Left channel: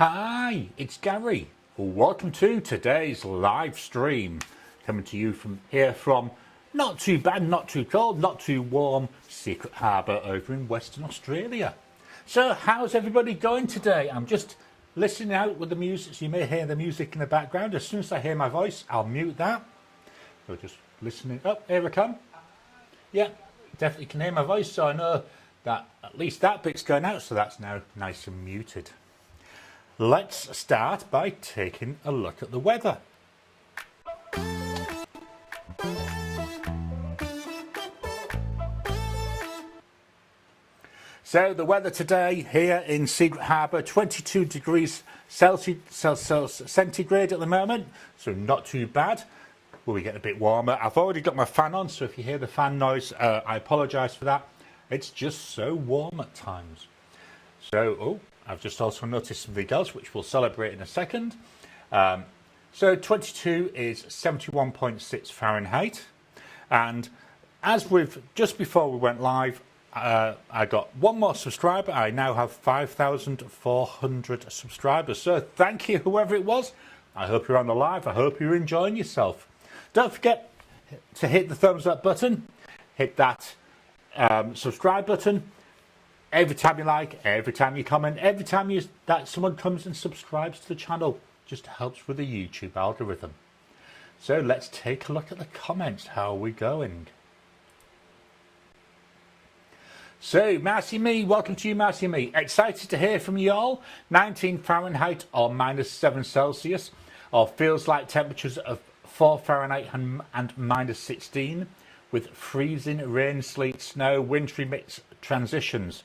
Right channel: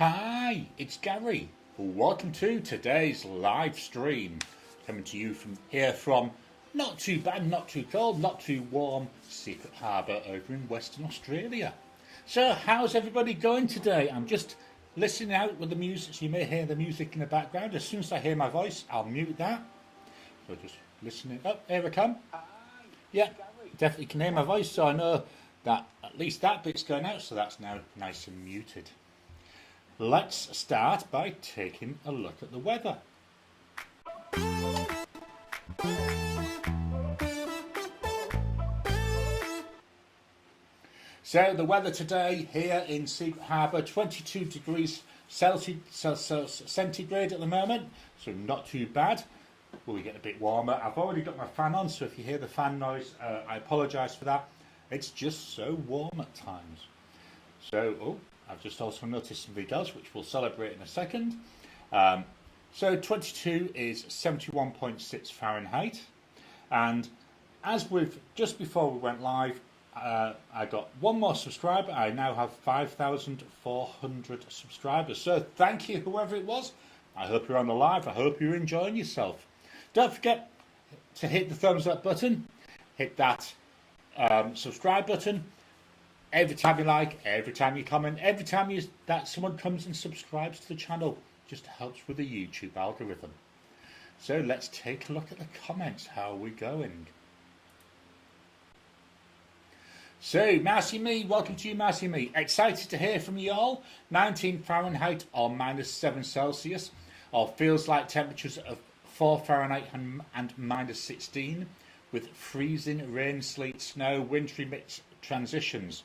Hi, it's Gary. Welcome to today's live stream. Coming to you from not too bad, not too cold, not too warm, Secret Harbour over in Western Australia. So how's everybody going today? I'm just listening out with the music, so you may hear the music in the background. As soon as I hear my voice, I'll mute that. So just listening. Oh, here I come. Yeah, definitely can hear my voice, so I know that at least that bit's going out, so that's now nice and muted. Let's start by taking a look at the weather. So the weather today here in Secret Harbour, 22 degrees centigrade at the moment, so not too bad. We'll be getting a bit warmer. I've already got my fan on, so if you hear the fan noise, I apologise for that. It's just so warm at times. So, I've just also noticed something else, which we'll celebrate in a second. So 22 is 71.6 Fahrenheit. And as just before we went live, I got one more subscriber. I now have 5,400 subscribers. So thank you, whoever it was. I hope you're on the live. I hope you're enjoying yourself. Don't forget to hit the thumbs up button. Hit that subscribe button. Every time you like, every time you comment, every time that someone comes and subscribes to the channel, just helps with the YouTube algorithm. So let's take a look at the comments. How are we going? So, Marcy Me, welcome to you, Marcy Me. Excited to hear from you all. 19 Fahrenheit or -7 Celsius, or feels like temperatures of 4 Fahrenheit and -16, with freezing rain, sleet, snow, wintry mixed transitions.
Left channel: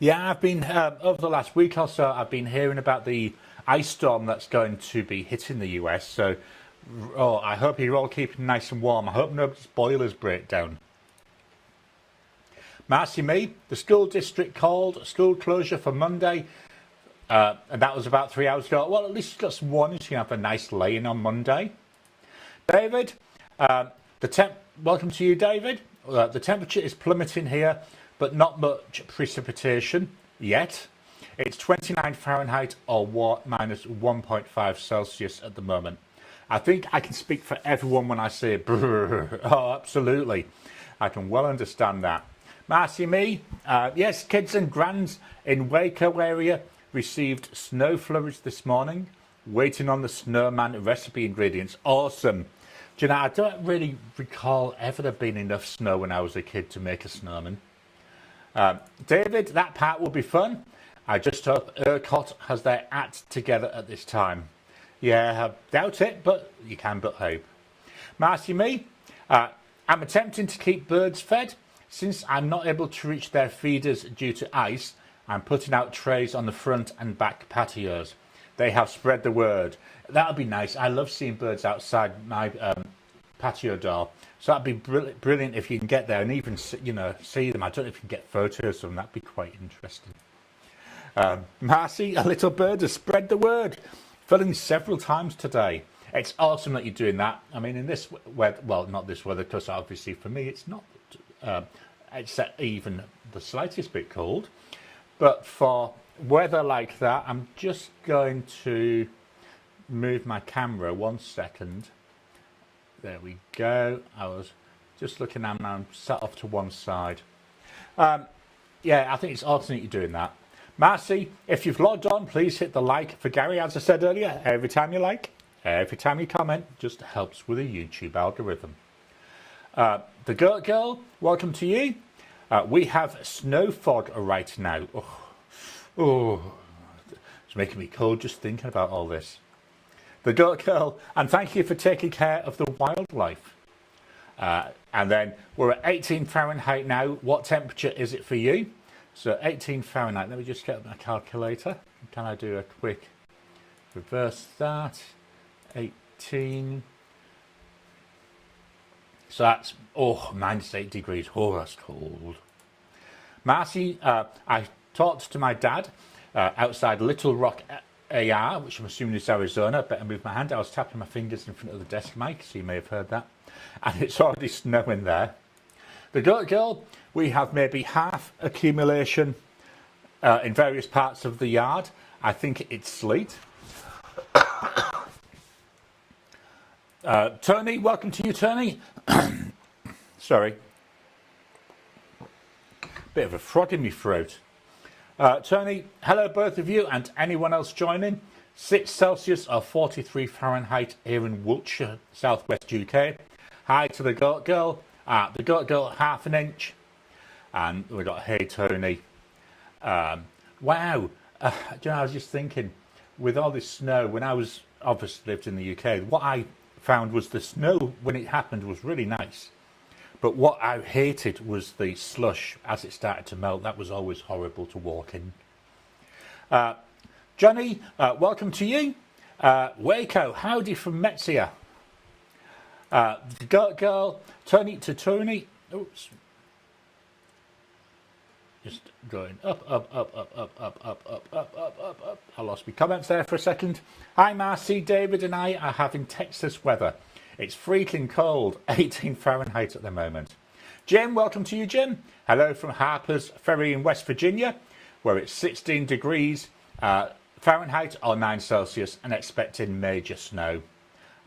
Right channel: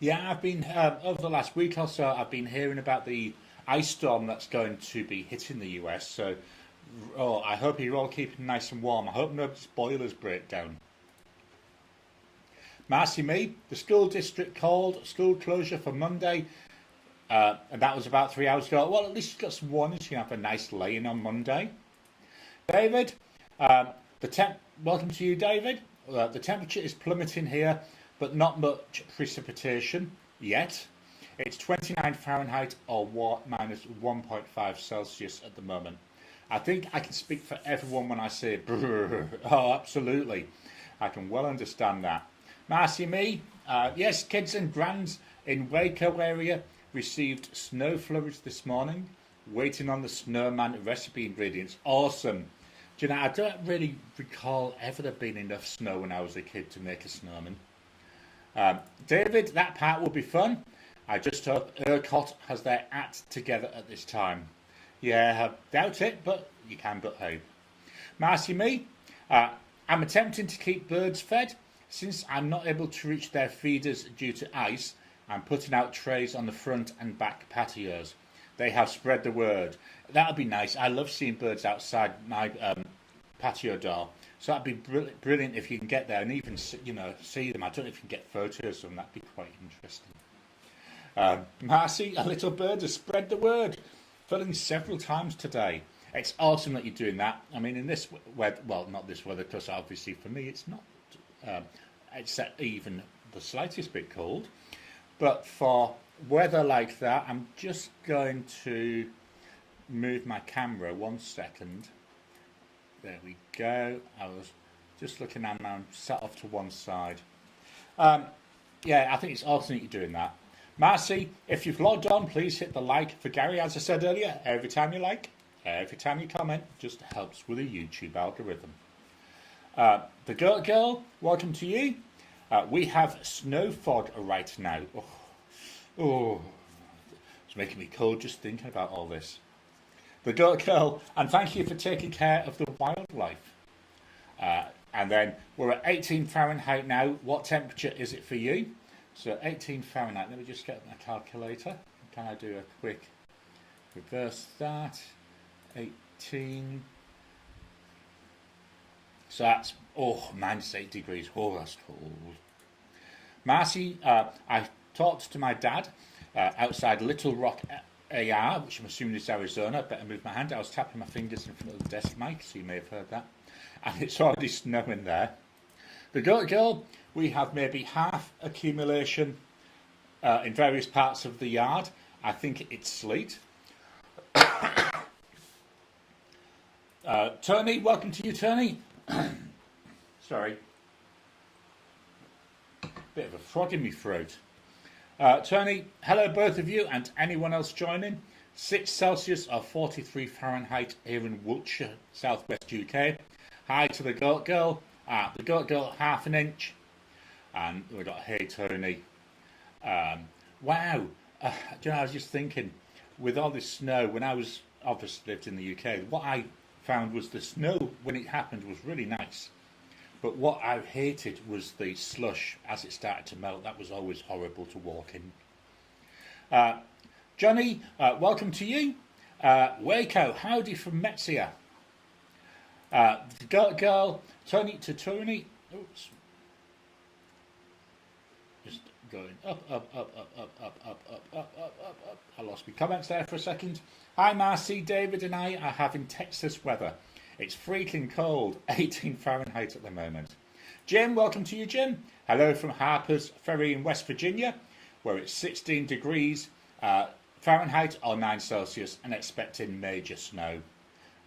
Yeah, I've been, over the last week or so, I've been hearing about the ice storm that's going to be hitting the US. So, I hope you're all keeping nice and warm. I hope nobody's boilers break down. Marcy Me, the school district called school closure for Monday, and that was about 3 hours ago. Well, at least you've got some warning, so you have a nice lay-in on Monday. David, welcome to you, David. The temperature is plummeting here, but not much precipitation yet. It's 29 Fahrenheit or -1.5 Celsius at the moment. I think I can speak for everyone when I say brrr. Oh, absolutely. I can well understand that. Marcy Me, yes, kids and grands in Waco area received snow flurries this morning, waiting on the snowman recipe ingredients. Awesome. Do you know, I don't really recall ever there being enough snow when I was a kid to make a snowman. David, that part will be fun. I just hope ERCOT has their act together at this time. Yeah, I doubt it, but you can but hope. Marcy Me, I'm attempting to keep birds fed. Since I'm not able to reach their feeders due to ice, I'm putting out trays on the front and back patios. They have spread the word. That'll be nice. I love seeing birds outside my patio door. So that'd be brilliant if you can get there and even, you know, see them. I don't know if you can get photos of them. That'd be quite interesting. Marcy, a little bird has spread the word. Filling several times today. It's awesome that you're doing that. I mean, in this weather, well, not this weather, because obviously for me it's not. It's even the slightest bit cold, but for weather like that, I'm just going to move my camera 1 second. There we go. I was just looking and I'm set off to one side. Yeah, I think it's awesome that you're doing that. Marcy, if you've logged on, please hit the like for Gary. As I said earlier, every time you like, every time you comment, just helps with the YouTube algorithm. The Goat Girl, welcome to you. We have snow fog right now. Oh, it's making me cold just thinking about all this. The Goat Girl, and thank you for taking care of the wildlife. And then we're at 18 Fahrenheit now. What temperature is it for you? So 18 Fahrenheit. Let me just get my calculator. Can I do a quick reverse that? 18. So that's, -8 degrees. Oh, that's cold. Marcy, I talked to my dad outside Little Rock AR, which I'm assuming is Arizona. Better move my hand. I was tapping my fingers in front of the desk mic, so you may have heard that. And it's already snowing there. The Goat Girl, we have maybe half accumulation in various parts of the yard. I think it's sleet. Tony, welcome to you, Tony. Sorry. Bit of a frog in my throat. Tony, hello both of you and anyone else joining. 6 Celsius or 43 Fahrenheit here in Wiltshire, southwest UK. Hi to the Goat Girl. The Goat Girl, half an inch. And we got Hey Tony. Wow. You know, I was just thinking, with all this snow, when I was obviously lived in the UK, what I found was the snow when it happened was really nice. But what I hated was the slush as it started to melt. That was always horrible to walk in. Johnny, welcome to you. Waco, howdy from Metzia. The Goat Girl, Tony to Tony. Oops. Just going up. I lost my comments there for a second. Hi Marcy, David and I are having Texas weather. It's freaking cold, 18 Fahrenheit at the moment. Jim, welcome to you, Jim. Hello from Harper's Ferry in West Virginia, where it's 16 degrees Fahrenheit or 9 Celsius and expecting major snow.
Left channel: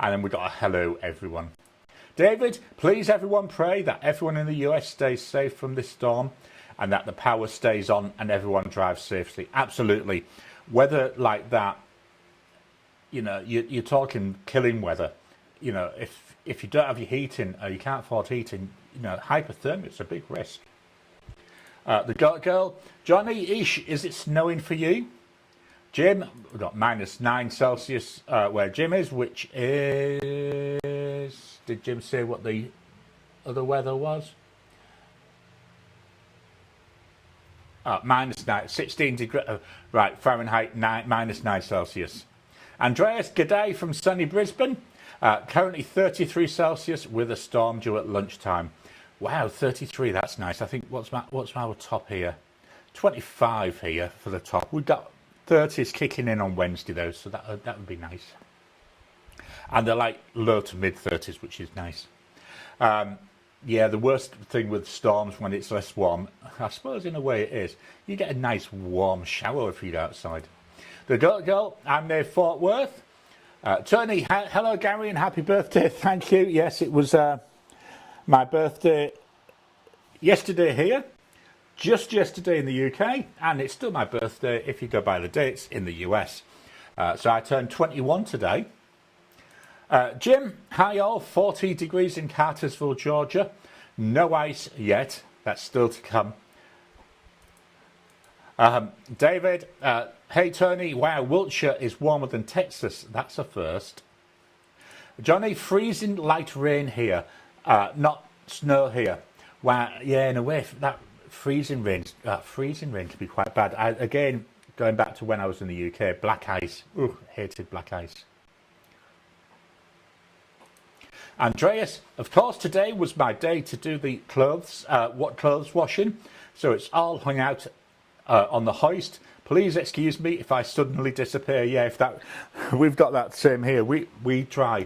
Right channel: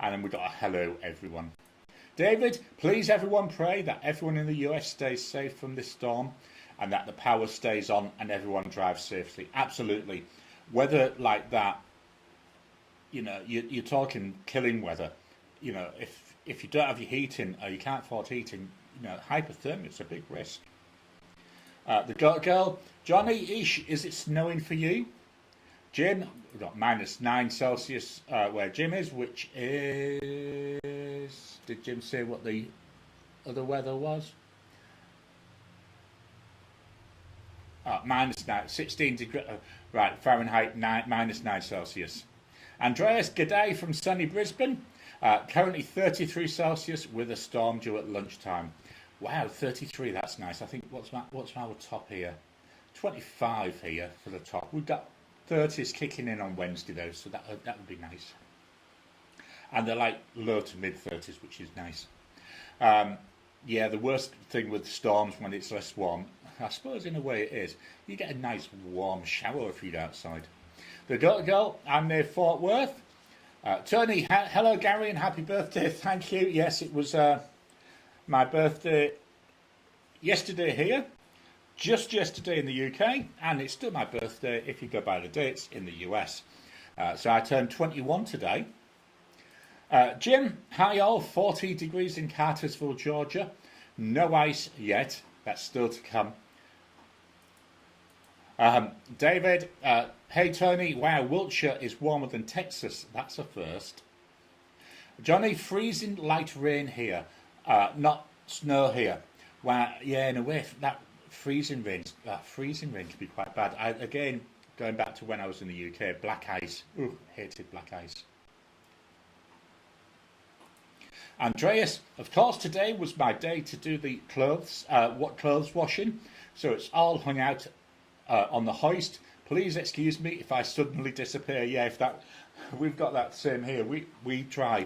And then we got a hello, everyone. David, please everyone pray that everyone in the US stays safe from this storm and that the power stays on and everyone drives safely. Absolutely. Weather like that, you know, you're talking killing weather. You know, if you don't have your heating or you can't afford heating, you know, hypothermia is a big risk. The Goat Girl, Johnny, is it snowing for you? Jim, we've got -9 Celsius where Jim is, which is... Did Jim say what the other weather was? -9, 16 degrees, right, Fahrenheit, -9 Celsius. Andreas, g'day from sunny Brisbane. Currently 33 Celsius with a storm due at lunchtime. Wow, 33, that's nice. I think, what's our top here? 25 here for the top. We've got 30s kicking in on Wednesday though, so that would be nice. And they're like low to mid 30s, which is nice. Yeah, the worst thing with storms when it's less warm, I suppose in a way it is, you get a nice warm shower if you're outside. The Goat Girl, I'm near Fort Worth. Tony, hello Gary and happy birthday, thank you. Yes, it was my birthday yesterday here, just yesterday in the UK, and it's still my birthday if you go by the dates in the US. So I turned 21 today. Jim, hi all, 40 degrees in Cartersville, Georgia. No ice yet, that's still to come. David, hey Tony, wow, Wiltshire is warmer than Texas. That's a first. Johnny, freezing light rain here, not snow here. Wow, yeah, in a way, that freezing rain can be quite bad. Again, going back to when I was in the UK, black ice. Ooh, hated black ice. Andreas, of course, today was my day to do the clothes washing. So it's all hung out on the hoist. Please excuse me if I suddenly disappear. Yeah, we've got that same here. We dry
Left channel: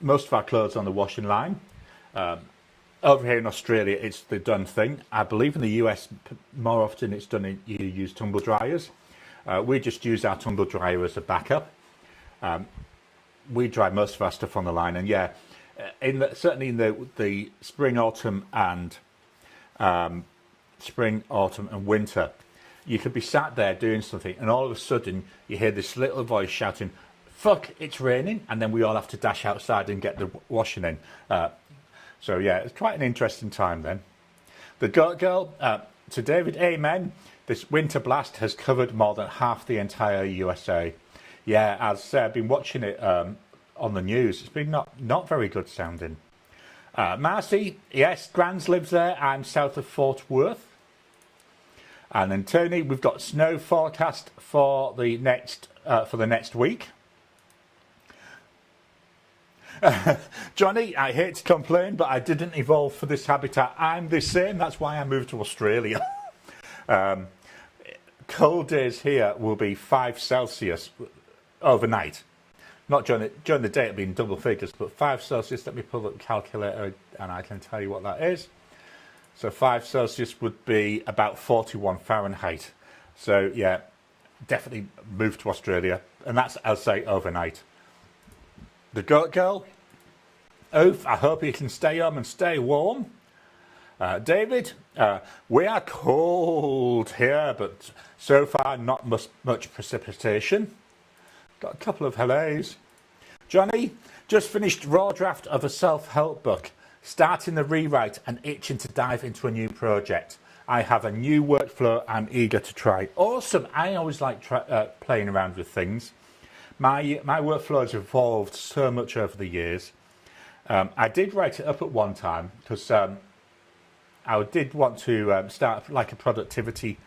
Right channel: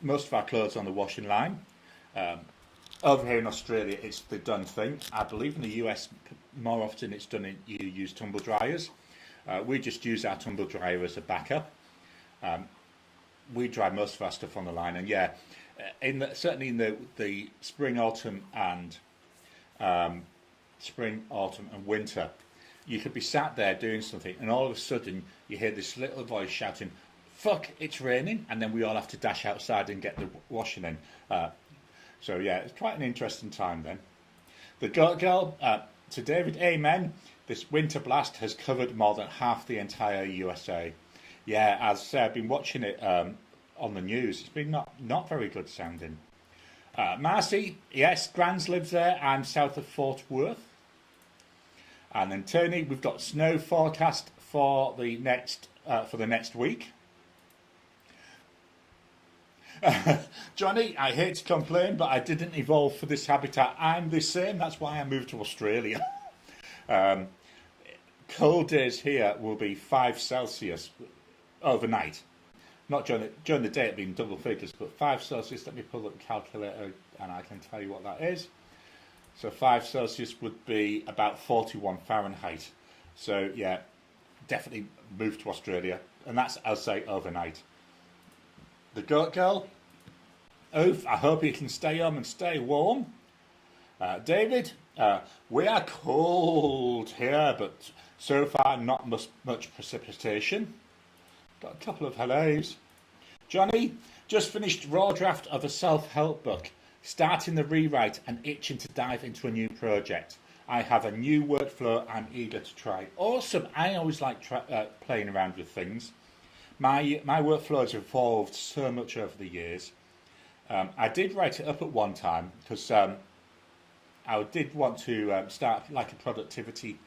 most of our clothes on the washing line. Over here in Australia, it's the done thing. I believe in the US, more often it's done. You use tumble dryers. We just use our tumble dryer as a backup. We dry most of our stuff on the line, and yeah, certainly in the spring, autumn, and winter. You could be sat there doing something and all of a sudden you hear this little voice shouting, fuck, it's raining, and then we all have to dash outside and get the washing in. So yeah, it's quite an interesting time then. The Goat Girl, to David, amen. This winter blast has covered more than half the entire USA. Yeah, as I've been watching it on the news, it's been not very good sounding. Marcy, yes, Grans lives there. I'm south of Fort Worth. And then Tony, we've got snow forecast for the next week. Johnny, I hate to complain, but I didn't evolve for this habitat. I'm the same. That's why I moved to Australia. Cold days here will be 5 Celsius overnight. Not during the day, it'll be in double figures, but 5 Celsius. Let me pull up the calculator, and I can tell you what that is. So 5 Celsius would be about 41 Fahrenheit. So yeah, definitely move to Australia, and that's, I'll say, overnight. The Goat Girl, Oof, I hope you can stay home and stay warm. David, we are cold here, but so far not much precipitation. Got a couple of hellos. Johnny, just finished raw draft of a self-help book, starting the rewrite and itching to dive into a new project. I have a new workflow I'm eager to try. Awesome. I always like playing around with things. My workflow has evolved so much over the years. I did write it up at one time because I did want to start like a productivity,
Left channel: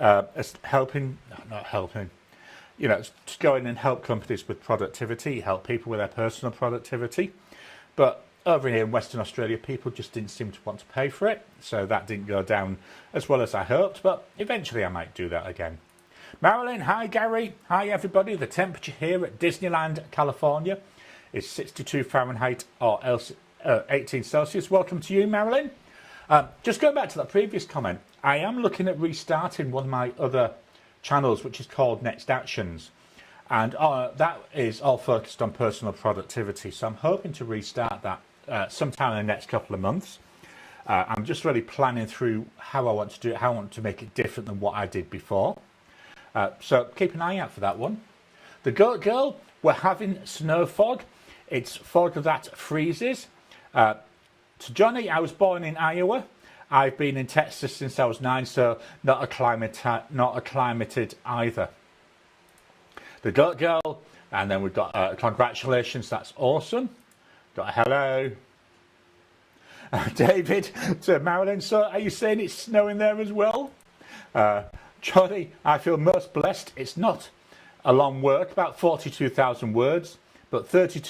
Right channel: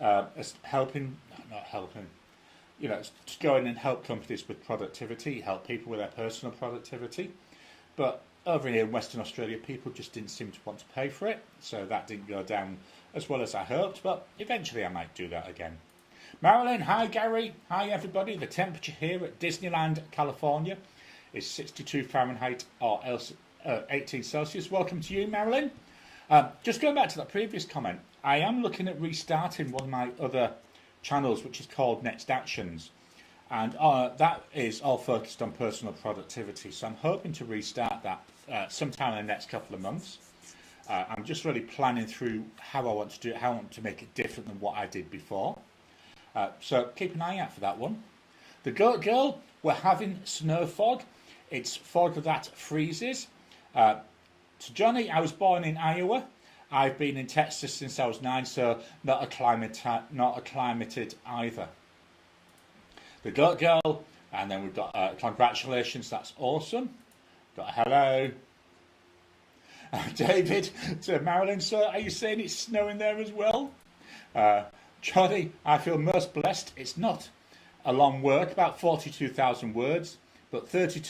as not helping, you know, to go in and help companies with productivity, help people with their personal productivity. But over here in Western Australia, people just didn't seem to want to pay for it. So that didn't go down as well as I hoped, but eventually I might do that again. Marilyn, hi Gary, hi everybody. The temperature here at Disneyland, California is 62 Fahrenheit or else 18 Celsius. Welcome to you, Marilyn. Just going back to that previous comment, I am looking at restarting one of my other channels, which is called Next Actions. And that is all focused on personal productivity. So I'm hoping to restart that sometime in the next couple of months. I'm just really planning through how I want to do it, how I want to make it different than what I did before. So keep an eye out for that one. The Goat Girl, we're having snow fog. It's fog that freezes. To Johnny, I was born in Iowa. I've been in Texas since I was 9, so not acclimated either. The Goat Girl, and then we've got congratulations, that's awesome. Got a hello. David to Marilyn, so are you saying it's snowing there as well? Johnny, I feel most blessed. It's not a long work, about 42,000 words, but 30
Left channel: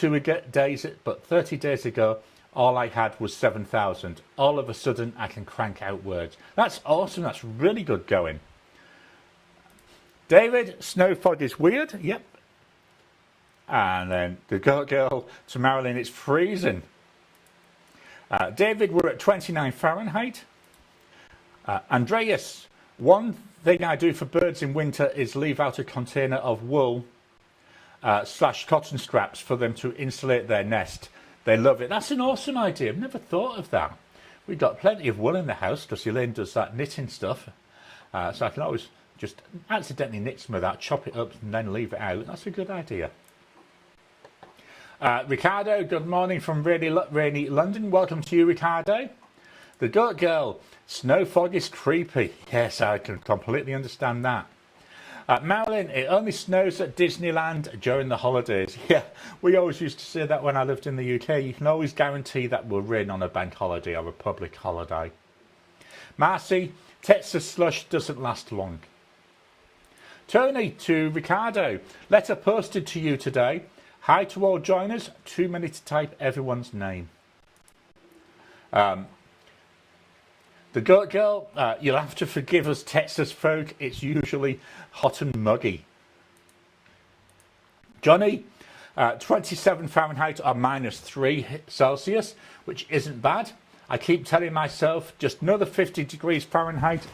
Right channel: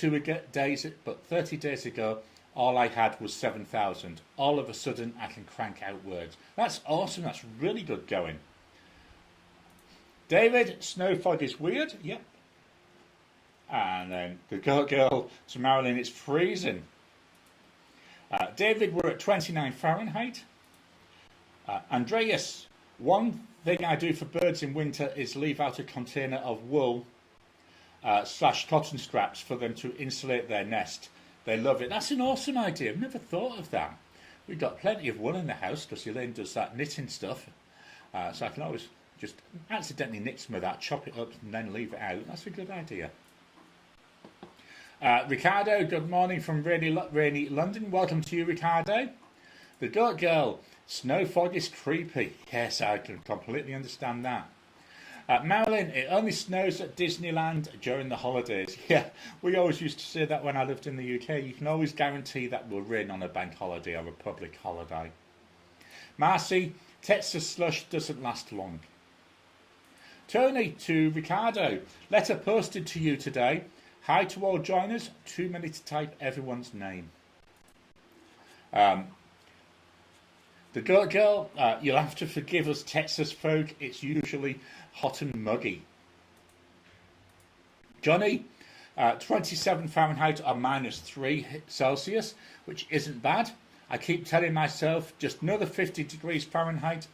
days ago, all I had was 7,000. All of a sudden, I can crank out words. That's awesome. That's really good going. David, snow fog is weird. Yep. And then the Goat Girl to Marilyn, it's freezing. David, we're at 29 Fahrenheit. Andreas, one thing I do for birds in winter is leave out a container of wool / cotton scraps for them to insulate their nest. They love it. That's an awesome idea. I've never thought of that. We've got plenty of wool in the house because Elaine does that knitting stuff. So I can always just accidentally knit some of that, chop it up and then leave it out. That's a good idea. Ricardo, good morning from rainy London. Welcome to you, Ricardo. The Goat Girl, snow fog is creepy. Yes, I can completely understand that. Marilyn, it only snows at Disneyland during the holidays. Yeah, we always used to say that when I lived in the UK. You can always guarantee that we'll rain on a bank holiday or a public holiday. Marcy, Texas slush doesn't last long. Tony to Ricardo, letter posted to you today. Hi to all joiners. Too many to type everyone's name. The Goat Girl, you'll have to forgive us Texas folk. It's usually hot and muggy. Johnny, 27 Fahrenheit or -3 Celsius, which isn't bad. I keep telling myself just another 50 degrees Fahrenheit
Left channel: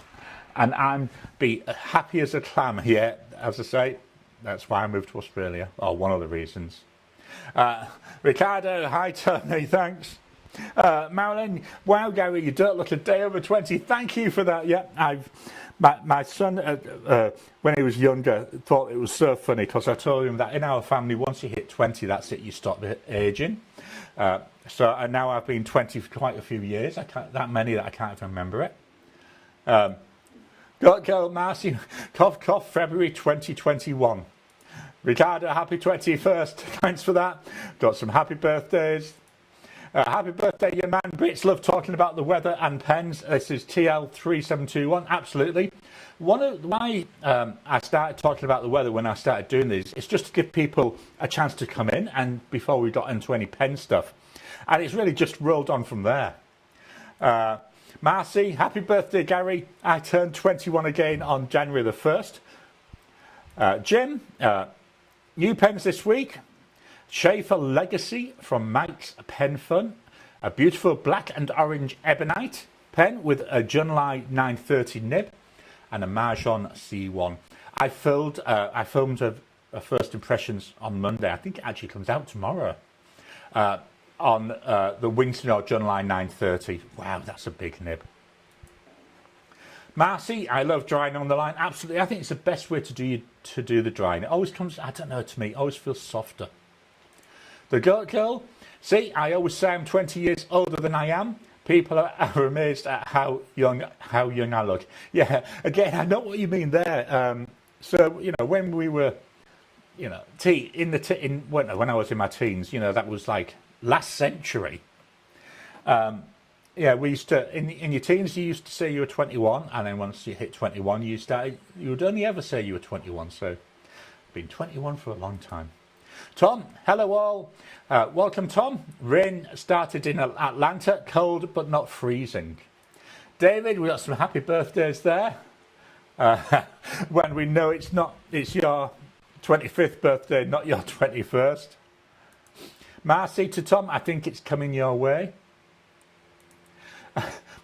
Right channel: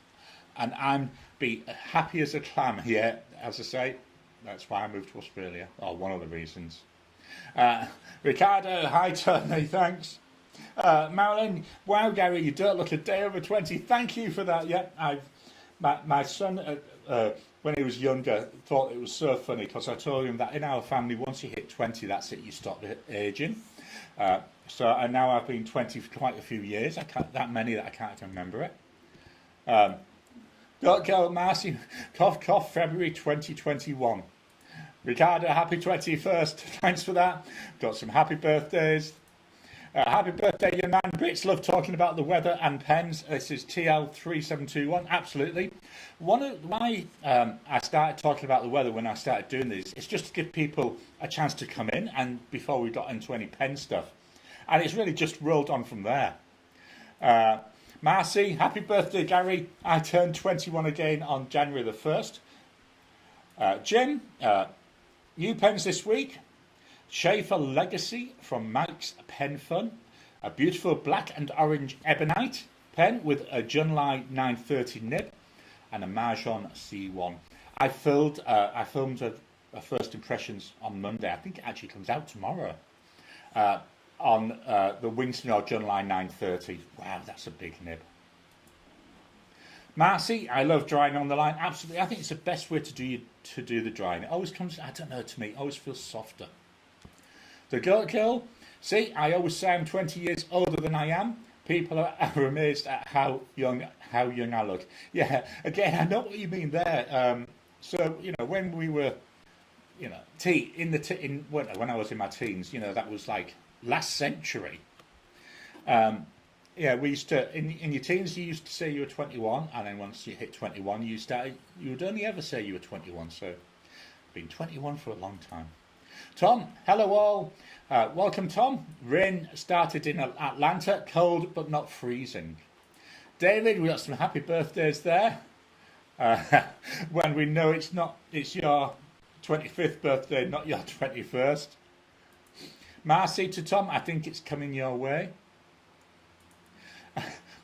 and I'm be happy as a clam here. As I say, that's why I moved to Australia, or one of the reasons. Ricardo, hi Tony, thanks. Marilyn, wow Gary, you don't look a day over 20. Thank you for that. Yeah, my son, when he was younger, thought it was so funny because I told him that in our family, once you hit 20, that's it, you stop aging. And now I've been 20 for quite a few years. That many that I can't even remember it. Goat Girl, Marcy, cough, cough, February 2021. Ricardo, happy 21st. Thanks for that. Got some happy birthdays. Happy birthday, young man. Brits love talking about the weather and pens. This is TL3721. Absolutely. One of why I started talking about the weather when I started doing this is just to give people a chance to come in and before we got into any pen stuff. And it's really just rolled on from there. Marcy, happy birthday, Gary. I turned 21 again on January the 1st. Jim, new pens this week. Schaefer Legacy from Mike's Pen Fun. A beautiful black and orange ebonite pen with a Junlai 930 nib and a Marjon C1. I filmed a first impressions on Monday. I think it actually comes out tomorrow. On the Winston John Line 930. Wow, that's a big nib. Marcy, I love drying on the line. Absolutely, I think it's the best way to do the drying. It always comes, I don't know, to me, it always feels softer. The Goat Girl, see, I always say I'm 20 years older than I am. People are amazed at how young I look. Yeah, again, I know what you mean there. So you know, when we were, you know, when I was in my teens, you know, that was like last century. Yeah, we used to in your teens. You used to say you were 21, and then once you hit 21, you would only ever say you were 21. So, been 21 for a long time. Tom, hello all. Welcome, Tom. Rain started in Atlanta, cold but not freezing. David, we got some happy birthdays there. When we know it's your 25th birthday, not your 21st. Marcy to Tom, I think it's coming your way.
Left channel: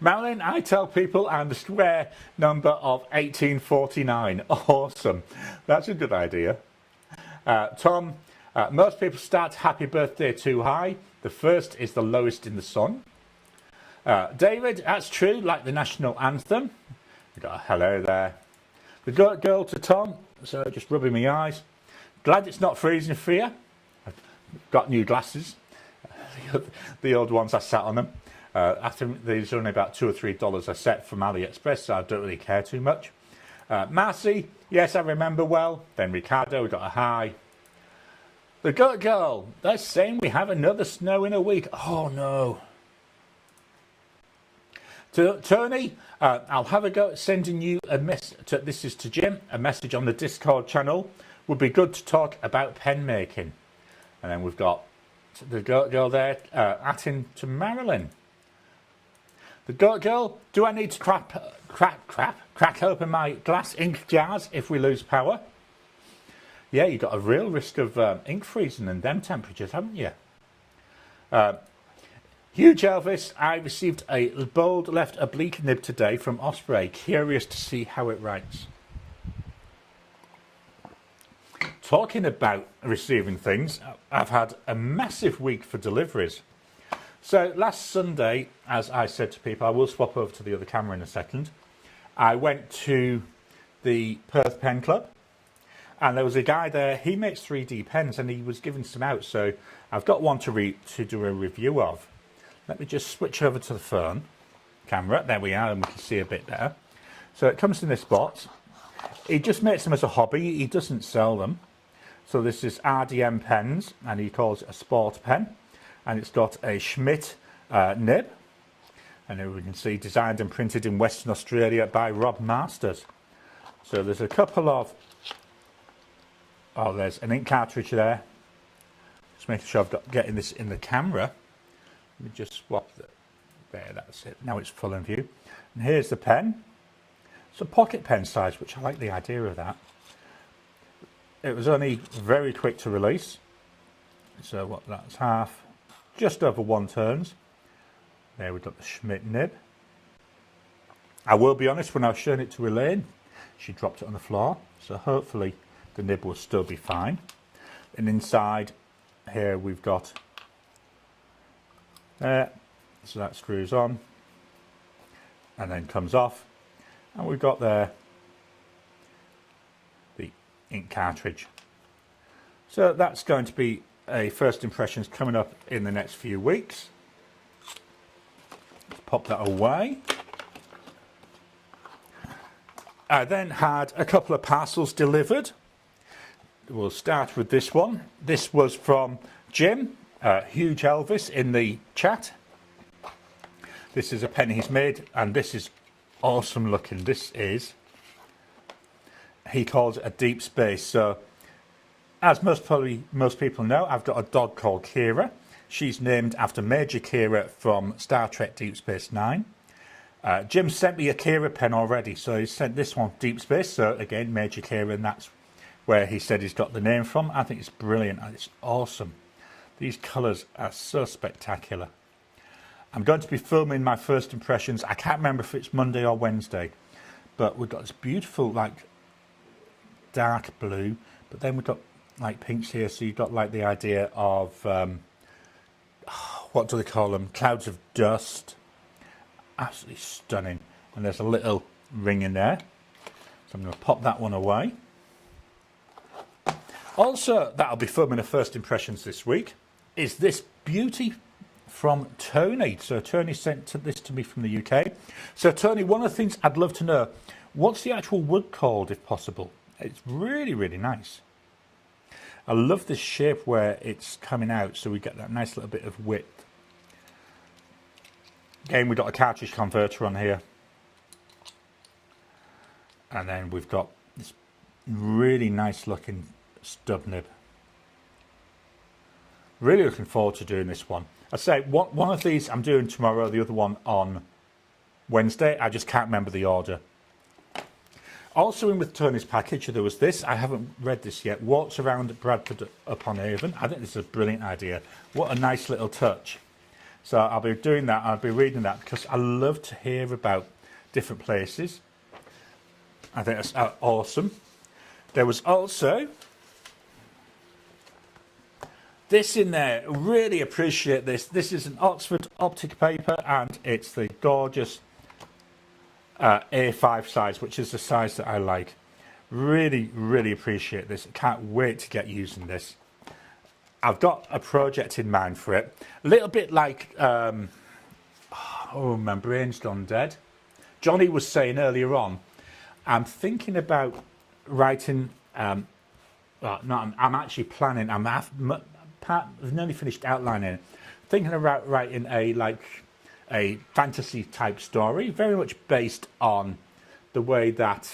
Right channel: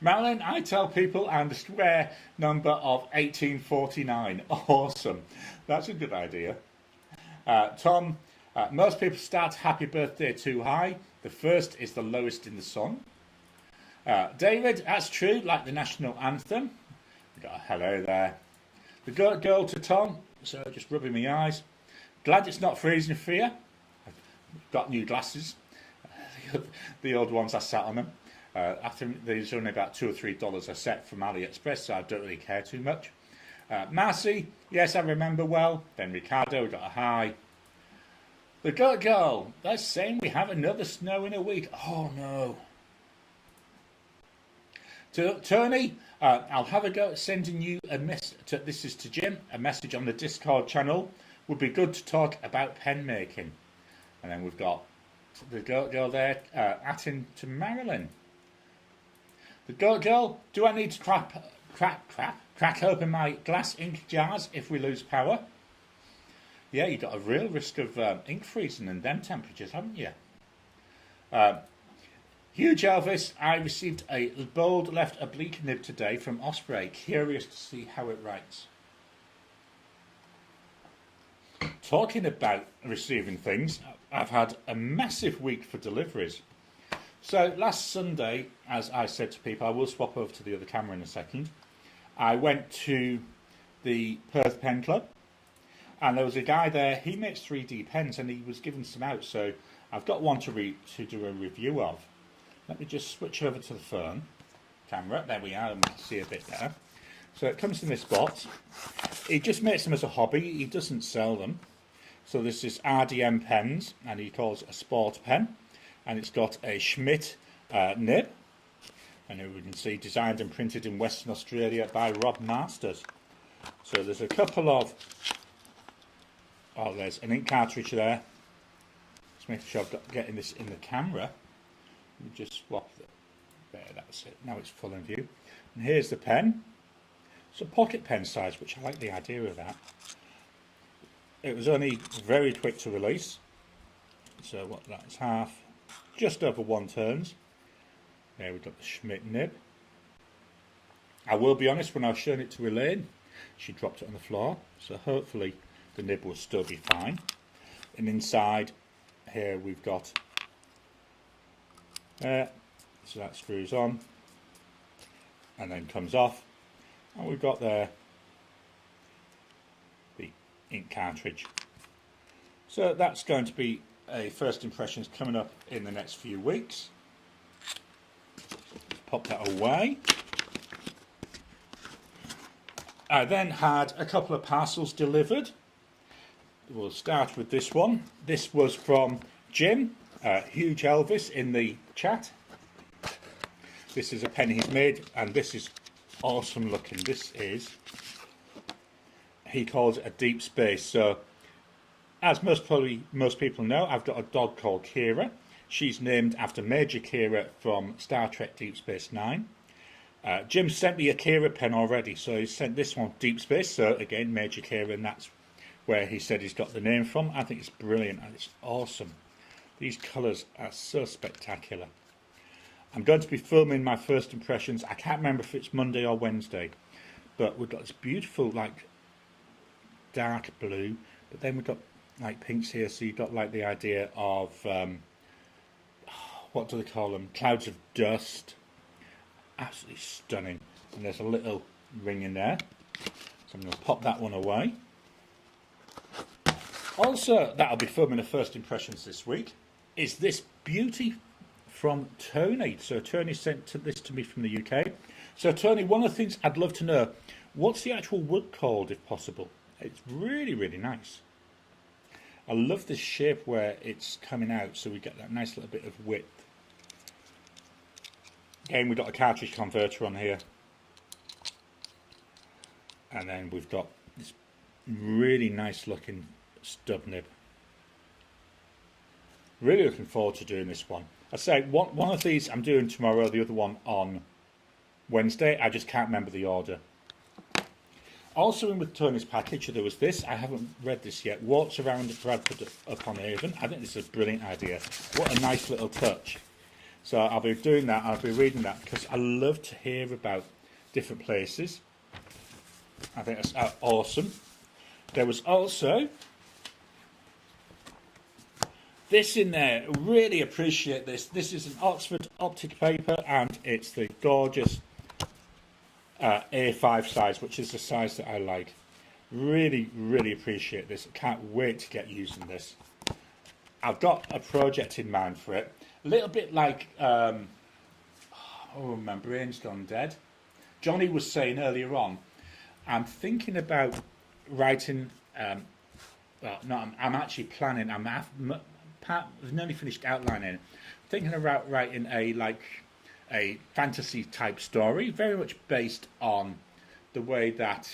Marilyn, I tell people I'm the square number of 1849. Awesome. That's a good idea. Tom, most people start happy birthday too high. The first is the lowest in the sun. David, that's true, like the national anthem. We got a hello there. The Goat Girl to Tom, so just rubbing my eyes. Glad it's not freezing for you. I've got new glasses. The old ones, I sat on them. I think these are only about $2 or $3 a set from AliExpress, so I don't really care too much. Marcy, yes, I remember well. Then Ricardo, we got a hi. The Goat Girl, they're saying we have another snow in a week. Oh no. To Tony, I'll have a go at sending you a message. This is to Jim, a message on the Discord channel. Would be good to talk about pen making. And then we've got the Goat Girl there, atting to Marilyn. The Goat Girl, do I need to crack open my glass ink jars if we lose power? Yeah, you've got a real risk of ink freezing and them temperatures, haven't you? Huge Elvis, I received a bold left oblique nib today from Osprey. Curious to see how it writes. Talking about receiving things, I've had a massive week for deliveries. So last Sunday, as I said to people, I will swap over to the other camera in a second. I went to the Perth Pen Club, and there was a guy there. He makes 3D pens, and he was giving some out. So I've got one to do a review of. Let me just switch over to the phone camera. There we are, and we can see a bit there. So it comes in this box. He just makes them as a hobby. He doesn't sell them. So this is RDM pens, and he calls it a sport pen. And it's got a Schmidt nib. And here we can see designed and printed in Western Australia by Rob Masters. So there's a couple of... Oh, there's an ink cartridge there. Just making sure I'm getting this in the camera. Let me just swap there, that's it. Now it's full in view. And here's the pen. It's a pocket pen size, which I like the idea of that. It was only very quick to release. So what, that's half, just over 1 turns. There we've got the Schmidt nib. I will be honest, when I was showing it to Elaine, she dropped it on the floor. So hopefully the nib will still be fine. And inside here we've got there, so that screws on and then comes off, and we've got there the ink cartridge. So that's going to be a first impressions coming up in the next few weeks. Pop that away. I then had a couple of parcels delivered. We'll start with this one. This was from Jim, Huge Elvis in the chat. This is a pen he's made, and this is awesome looking. This is, he calls it a deep space. So as most people know, I've got a dog called Kira. She's named after Major Kira from Star Trek Deep Space Nine. Jim sent me a Kira pen already, so he sent this one, Deep Space. So again, Major Kira, and that's where he said he's got the name from. I think it's brilliant. It's awesome. These colours are so spectacular. I'm going to be filming my first impressions. I can't remember if it's Monday or Wednesday, but we've got this beautiful, like, dark blue, but then we've got like pinks here, so you've got like the idea of what do they call them, clouds of dust. Absolutely stunning. And there's a little ring in there, so I'm going to pop that one away. Also, that'll be filming the first impressions this week, is this beauty from Tony. So Tony sent this to me from the UK. So Tony, one of the things I'd love to know, what's the actual wood called, if possible? It's really, really nice. I love this shape where it's coming out, so we get that nice little bit of width. Again, we've got a cartridge converter on here. And then we've got this really nice looking stub nib. Really looking forward to doing this one. I say one of these I'm doing tomorrow, the other one on Wednesday. I just can't remember the order. Also in with Tony's package, there was this. I haven't read this yet. Walks around Bradford upon Avon. I think this is a brilliant idea. What a nice little touch. So I'll be doing that. I'll be reading that because I love to hear about different places. I think that's awesome. There was also this in there. Really appreciate this. This is an Oxford optic paper, and it's the gorgeous A5 size, which is the size that I like. Really, really appreciate this. I can't wait to get using this. I've got a project in mind for it. A little bit like, oh, my brain's gone dead. Johnny was saying earlier on, I'm thinking about writing, I'm actually planning, I've nearly finished outlining it. Thinking about writing a fantasy type story, very much based on the way that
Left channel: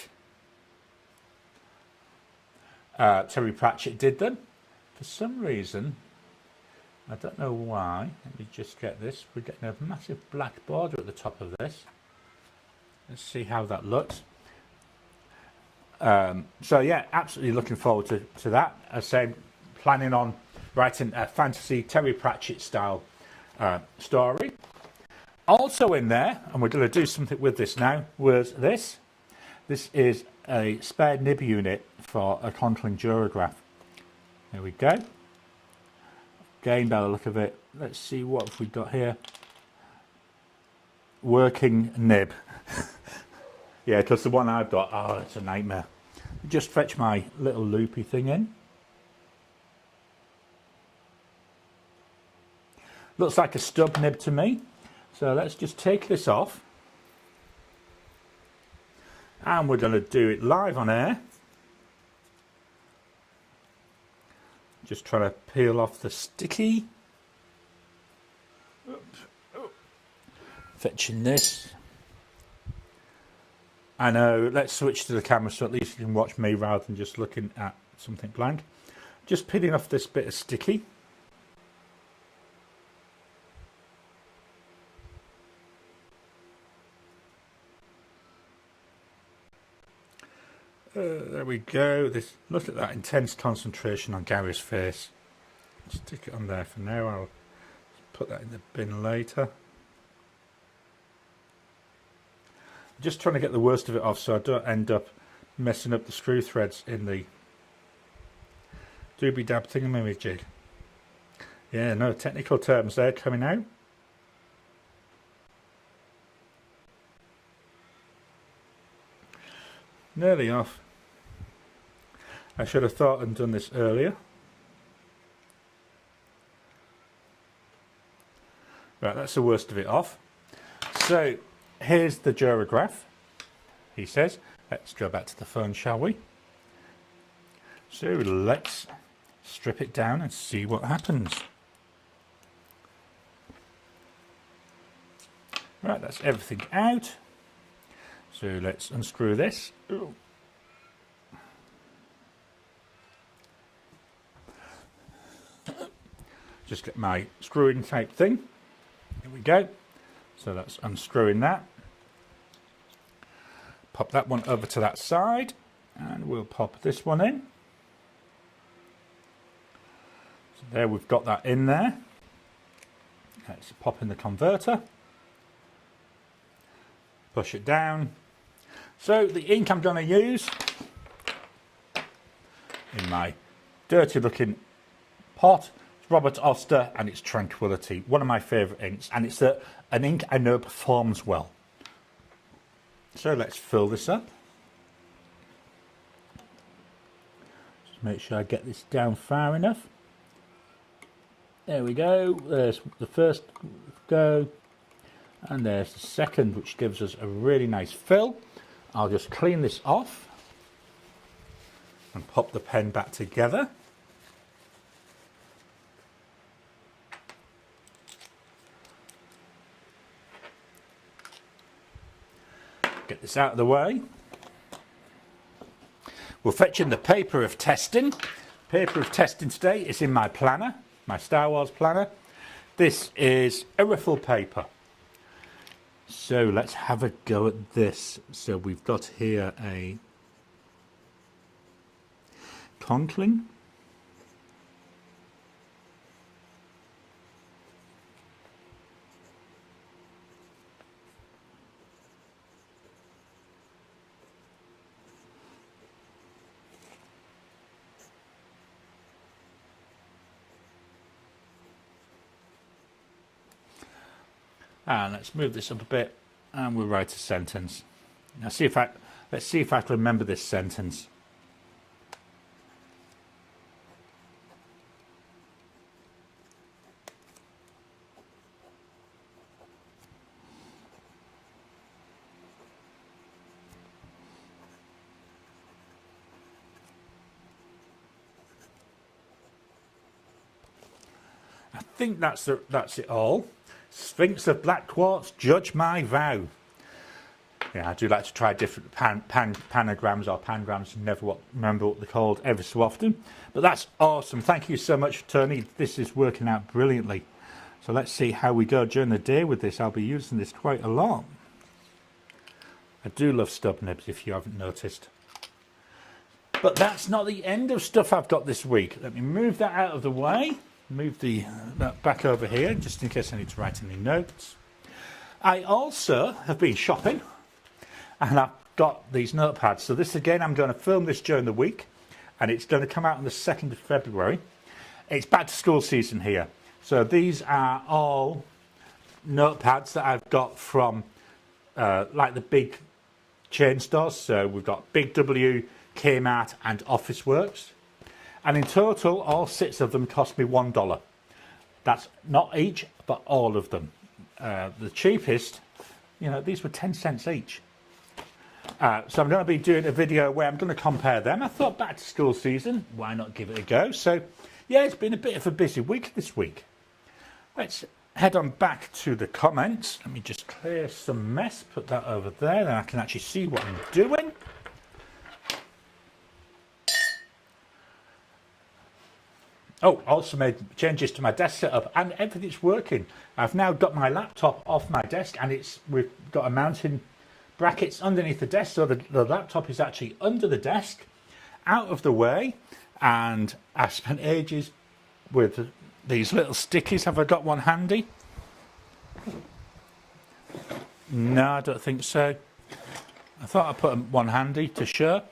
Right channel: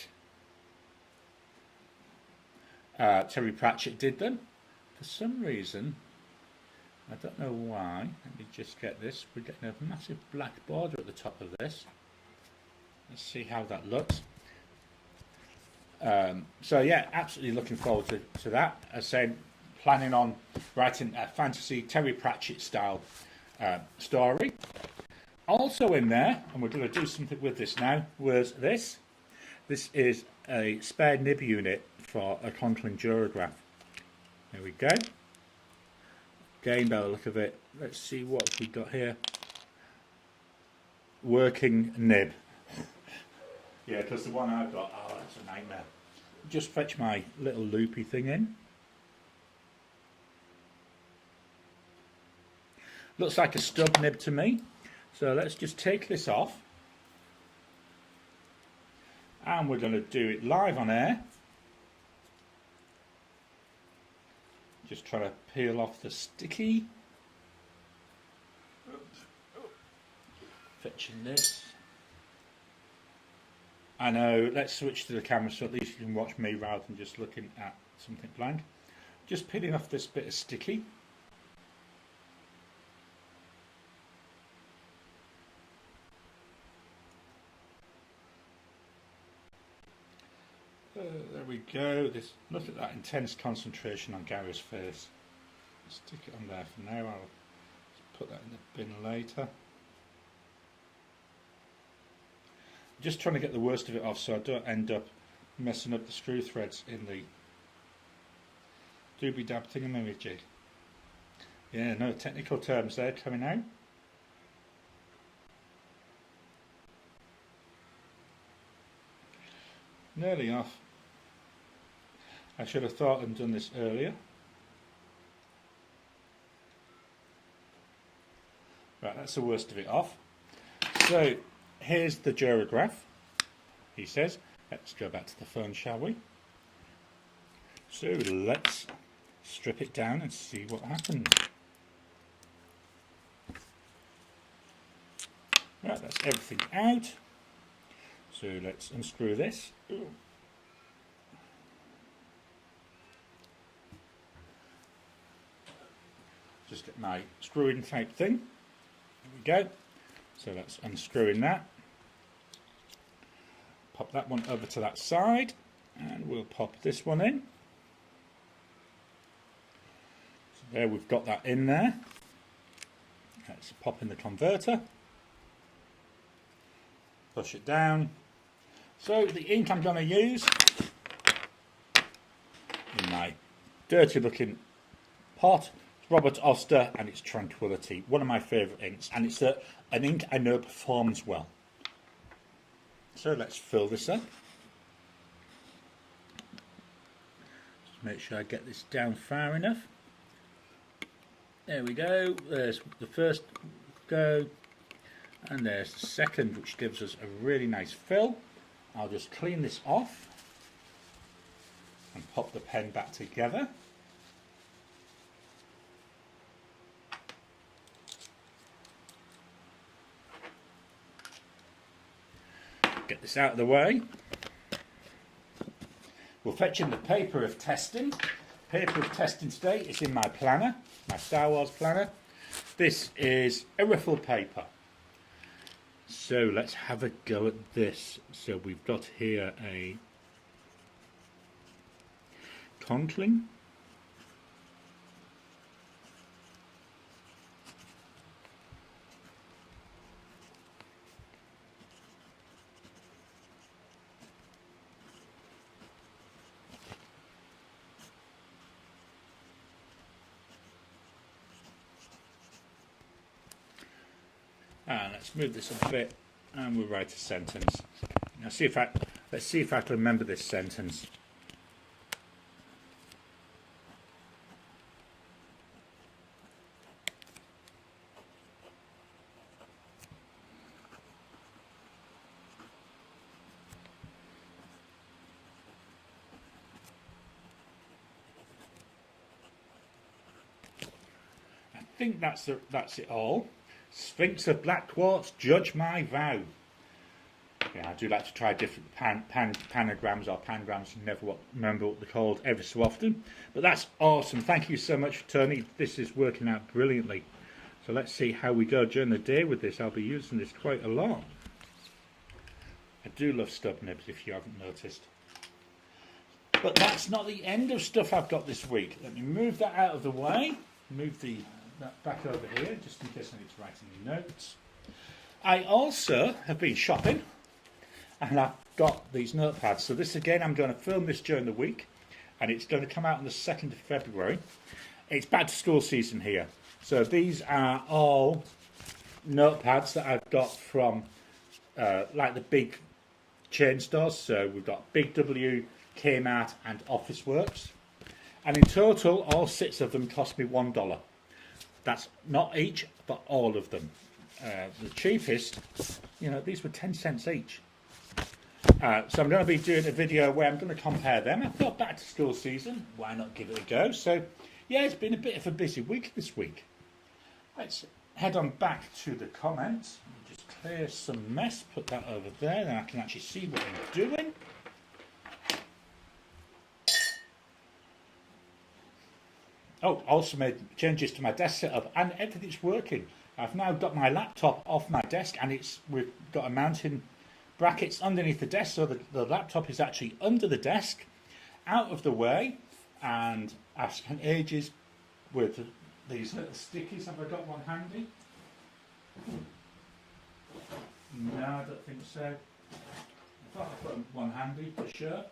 Terry Pratchett did them. For some reason, I don't know why, let me just get this, we're getting a massive black border at the top of this. Let's see how that looks. So yeah, absolutely looking forward to that. As I say, planning on writing a fantasy Terry Pratchett style story. Also in there, and we're going to do something with this now, was this. This is a spare nib unit for a Conklin Durograph. There we go. Again, by the look of it, let's see what we got here. Working nib. Yeah, because the one I've got, oh, it's a nightmare. Just fetch my little loopy thing in. Looks like a stub nib to me. So let's just take this off. And we're going to do it live on air. Just trying to peel off the sticky. Fetching this. I know, let's switch to the camera so at least you can watch me rather than just looking at something blank. Just peeling off this bit of sticky. There we go. Look at that intense concentration on Gary's face. Stick it on there for now. I'll put that in the bin later. Just trying to get the worst of it off so I don't end up messing up the screw threads in the doobie dab thingamajig. Yeah, no technical terms there coming out. Nearly off. I should have thought and done this earlier. Right, that's the worst of it off. So here's the Durograph, he says. Let's go back to the phone, shall we? So let's strip it down and see what happens. Right, that's everything out. So let's unscrew this. Ooh. Just get my screwing type thing. There we go. So that's unscrewing that. Pop that one over to that side, and we'll pop this one in. So there we've got that in there. Let's pop in the converter. Push it down. So the ink I'm going to use in my dirty looking pot. It's Robert Oster and it's Tranquility, one of my favourite inks, and it's an ink I know performs well. So let's fill this up. Just make sure I get this down far enough. There we go. There's the first go, and there's the second, which gives us a really nice fill. I'll just clean this off and pop the pen back together. Get this out of the way. We're fetching the paper of testing. Paper of testing today is in my planner, my Star Wars planner. This is a riffle paper. So let's have a go at this. So we've got here a Conklin. And let's move this up a bit, and we'll write a sentence. Now let's see if I can remember this sentence. I think that's it all. Sphinx of Black Quartz, judge my vow. Yeah, I do like to try different panagrams or pangrams, never remember what they're called every so often. But that's awesome. Thank you so much, Tony. This is working out brilliantly. So let's see how we go during the day with this. I'll be using this quite a lot. I do love stub nibs, if you haven't noticed. But that's not the end of stuff I've got this week. Let me move that out of the way. Move that back over here, just in case I need to write any notes. I also have been shopping, and I've got these notepads. So this again, I'm going to film this during the week, and it's going to come out on the 2nd of February. It's back to school season here. So these are all notepads that I've got from like the big chain stores. So we've got Big W, Kmart, and Officeworks. And in total, all 6 of them cost me $1. That's not each, but all of them. The cheapest, you know, these were 10 cents each. So I'm going to be doing a video where I'm going to compare them. I thought back to school season, why not give it a go? So, yeah, it's been a bit of a busy week this week. Let's head on back to the comments. Let me just clear some mess, put that over there, then I can actually see what I'm doing. Oh, also made changes to my desk setup, and everything's working. I've now got my laptop off my desk, and we've got a mounting brackets underneath the desk, so the laptop is actually under the desk, out of the way. And I've spent ages with these little stickies. Have I got one handy? No, I don't think so. I thought I put one handy to show.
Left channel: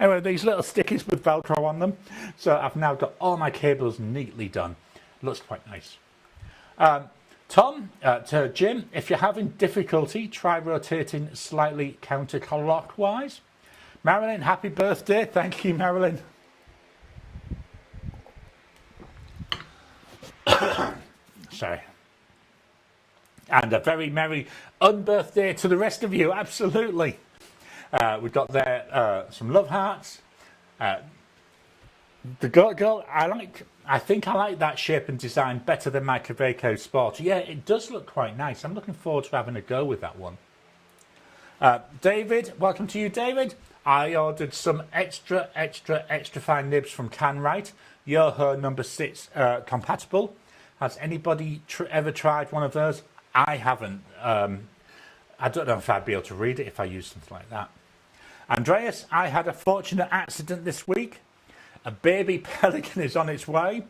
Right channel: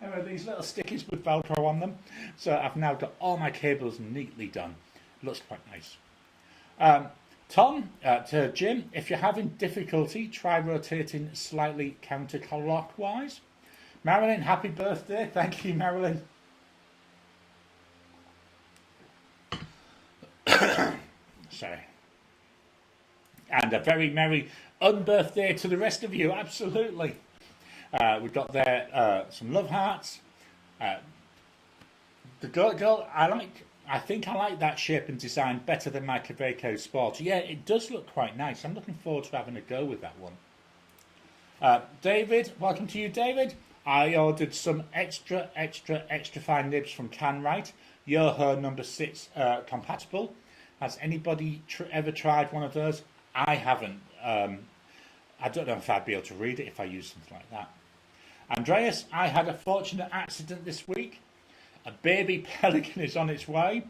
Anyway, these little stickies with Velcro on them. So I've now got all my cables neatly done. Looks quite nice. Tom, to Jim, if you're having difficulty, try rotating slightly counterclockwise. Marilyn, happy birthday. Thank you, Marilyn. Sorry. And a very merry unbirthday to the rest of you. Absolutely. We've got there some love hearts. The girl, I think I like that shape and design better than my Kaweco Sport. Yeah, it does look quite nice. I'm looking forward to having a go with that one. David, welcome to you, David. I ordered some extra fine nibs from Canwright. Yoho number 6 compatible. Has anybody ever tried one of those? I haven't. I don't know if I'd be able to read it if I use something like that. Andreas, I had a fortunate accident this week. A baby pelican is on its way.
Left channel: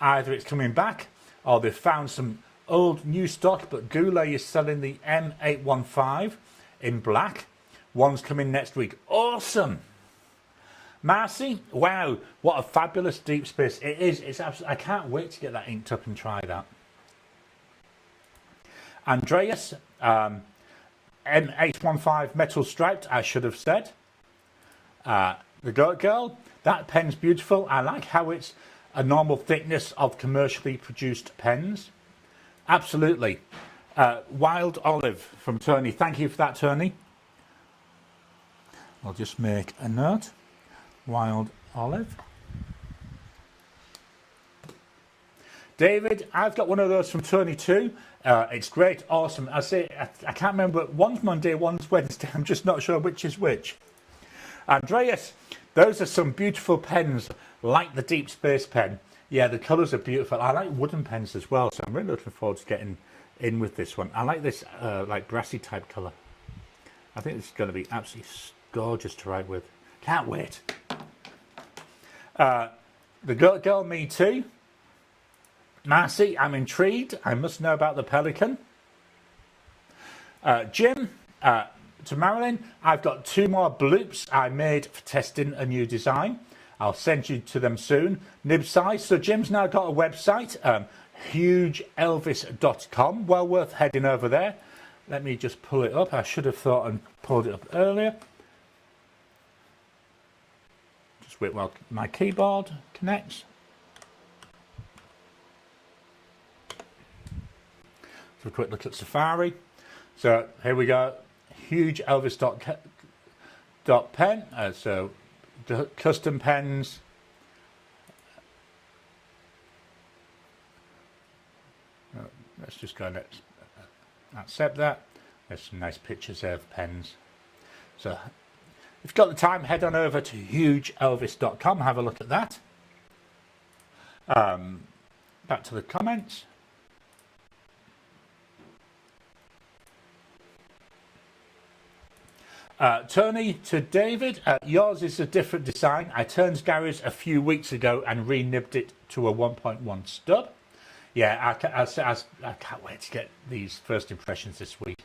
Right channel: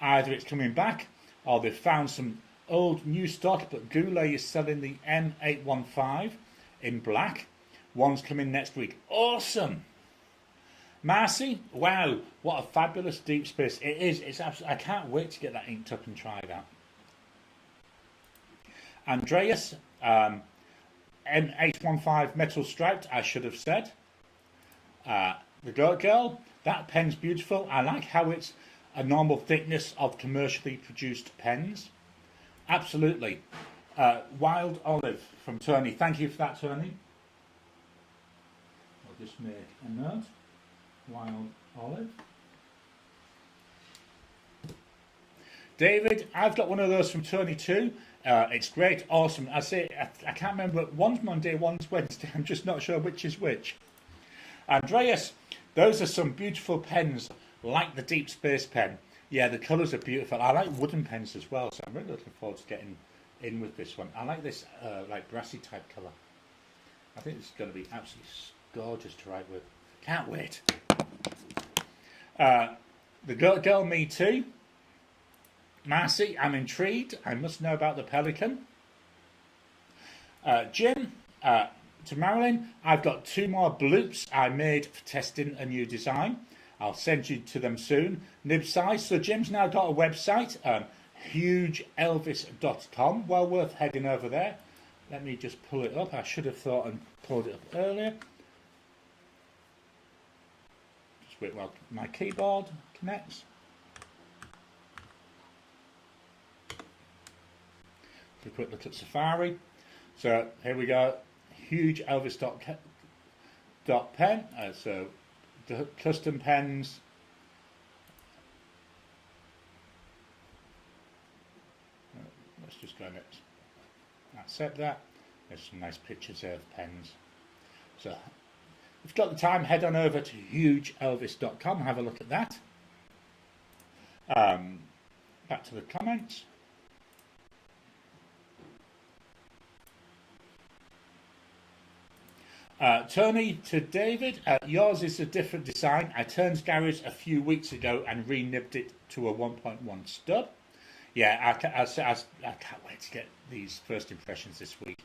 Either it's coming back or they've found some old new stock, but Goulet is selling the M815 in black. One's coming next week. Awesome. Marcy, wow, what a fabulous deep space. It is. It's absolutely, I can't wait to get that inked up and try that. Andreas, M815 metal striped, I should have said. The Goat Girl, that pen's beautiful. I like how it's a normal thickness of commercially produced pens. Absolutely. Wild Olive from Tony. Thank you for that, Tony. I'll just make a note. Wild Olive. David, I've got one of those from Tony too. It's great, awesome. I can't remember. One's Monday, one's Wednesday. I'm just not sure which is which. Andreas, those are some beautiful pens, like the Deep Space pen. Yeah, the colours are beautiful. I like wooden pens as well, so I'm really looking forward to getting in with this one. I like this like brassy type colour. I think it's going to be absolutely gorgeous to write with. Can't wait. The Goat Girl, me too. Marcy, I'm intrigued. I must know about the Pelican. Jim, to Marilyn, I've got 2 more bloops I made for testing a new design. I'll send you to them soon. Nib size. So Jim's now got a website, hugeelvis.com. Well worth heading over there. Let me just pull it up. I should have thought and pulled it up earlier. Just wait while my keyboard connects. So a quick look at Safari. So here we go. hugeelvis.pen. So the custom pens. Let's just go and accept that. There's some nice pictures there of pens. So if you've got the time, head on over to hugeelvis.com, have a look at that. Back to the comments. Tony to David, yours is a different design. I turned Gary's a few weeks ago and re-nibbed it to a 1.1 stub. Yeah, I can't wait to get these first impressions this week.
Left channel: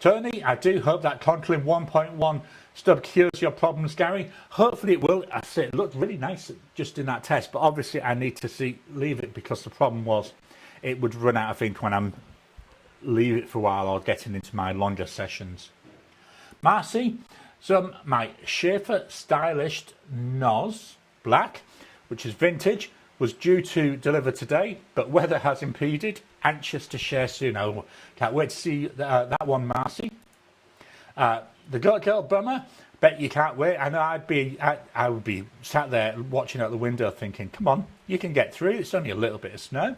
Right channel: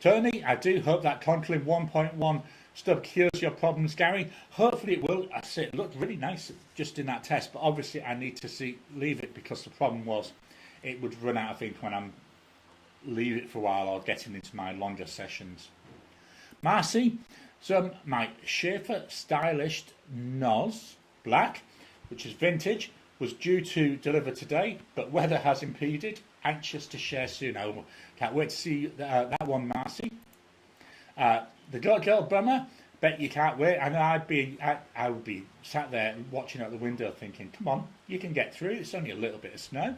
Tony, I do hope that Conklin 1.1 stub cures your problems, Gary. Hopefully it will. I say it looked really nice just in that test, but obviously I need to leave it because the problem was it would run out of ink when I'm leave it for a while or getting into my longer sessions. Marcy, my Schaefer Stylish Noz Black, which is vintage, was due to deliver today, but weather has impeded. Anxious to share soon. I can't wait to see that one, Marcy. The Goat Girl Bummer, bet you can't wait. I know I would be sat there watching out the window thinking, come on, you can get through. It's only a little bit of snow.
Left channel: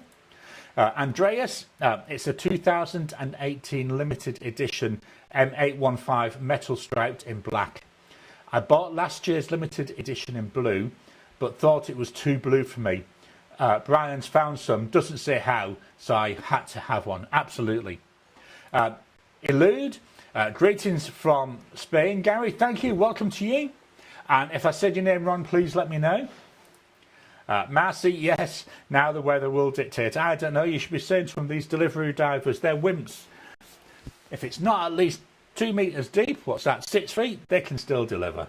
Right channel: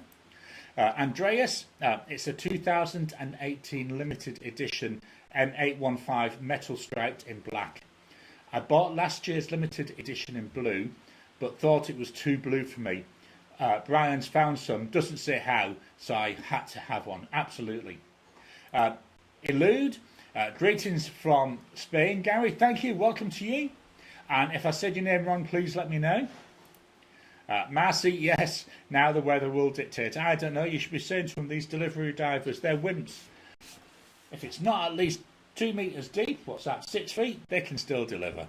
Andreas, it's a 2018 limited edition M815 metal striped in black. I bought last year's limited edition in blue, but thought it was too blue for me. Brian's found some, doesn't say how, so I had to have one. Absolutely. Elude, greetings from Spain. Gary, thank you. Welcome to you. And if I said your name wrong, please let me know. Marcy, yes, now the weather will dictate. I don't know, you should be saying from these delivery drivers, they're wimps. If it's not at least 2 meters deep, what's that, 6 feet, they can still deliver.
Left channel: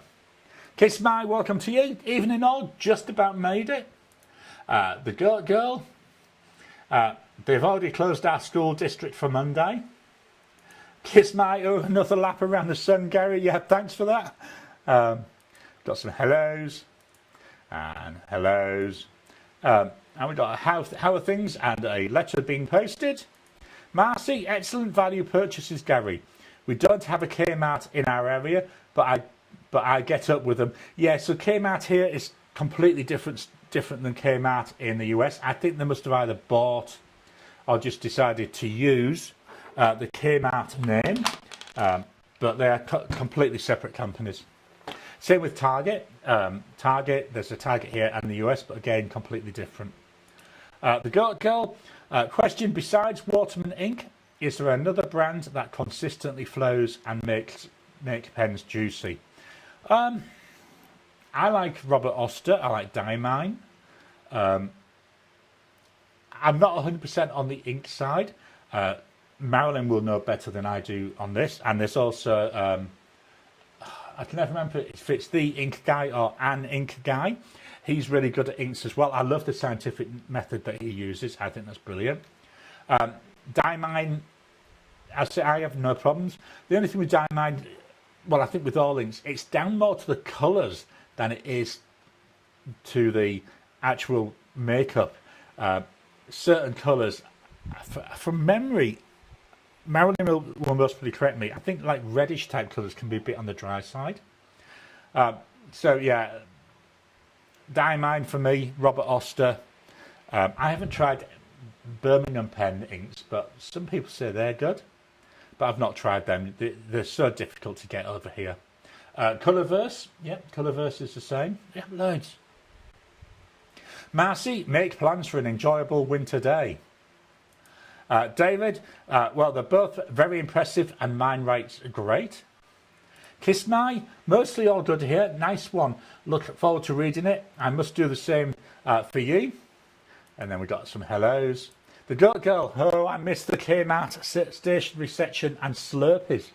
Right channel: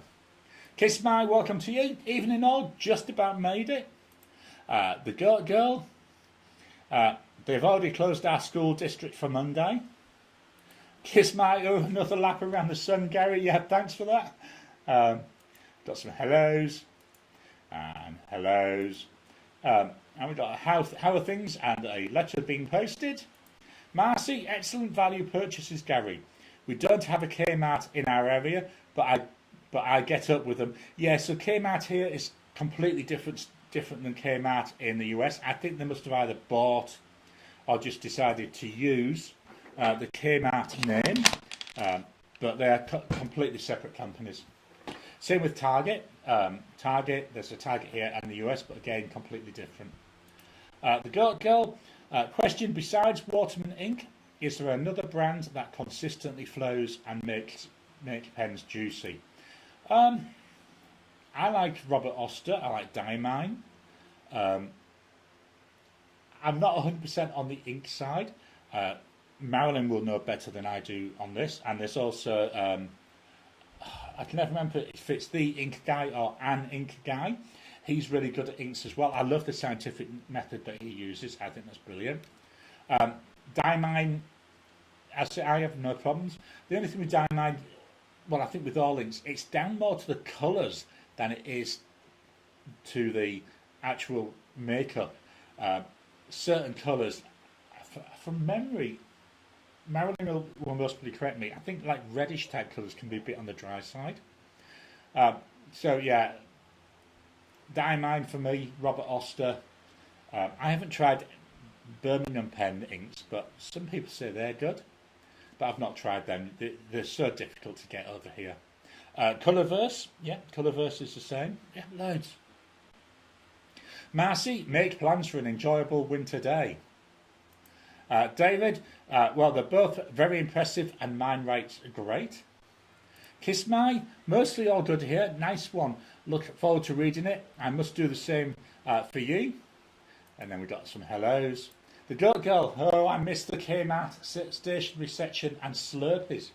Kiss My, welcome to you. Evening all, just about made it. The Goat Girl, they've already closed our school district for Monday. Kiss My, oh, another lap around the sun, Gary. Yeah, thanks for that. Got some hellos and hellos. And we got a how are things and a letter being posted. Marcy, excellent value purchases, Gary. We don't have a Kmart in our area, but I get up with them. Yeah, so Kmart here is completely different than Kmart in the US. I think they must have either bought or just decided to use the Kmart name, but they are completely separate companies. Same with Target. Target, there's a Target here and the US, but again, completely different. The Goat Girl, question, besides Waterman ink, is there another brand that consistently flows and make pens juicy? I like Robert Oster, I like Diamine. I'm not 100% on the ink side. Marilyn will know better than I do on this. And there's also I can never remember if it's the ink guy or an ink guy. He's really good at inks as well. I love the scientific method that he uses. I think that's brilliant. Diamine, I have no problems. The only thing with Diamine, well, I think with all inks, it's down more to the colours than it is to the actual makeup. Certain colours, from memory, Marilyn will most probably correct me. I think like reddish type colours can be a bit on the dry side. So yeah, Diamine for me, Robert Oster. I haven't tried Birmingham pen inks, but some people say they're good. But I've not tried them. They're so difficult to get over here. Colourverse, yeah, Colourverse is the same. Yeah, loads. Marcy, make plans for an enjoyable winter day. David, well, they're both very impressive and mine writes great. Kiss My, mostly all good here. Nice one. Look forward to reading it. I must do the same for you. And then we got some hellos. The Goat Girl, oh, I missed the Kmart stationery section and Slurpees.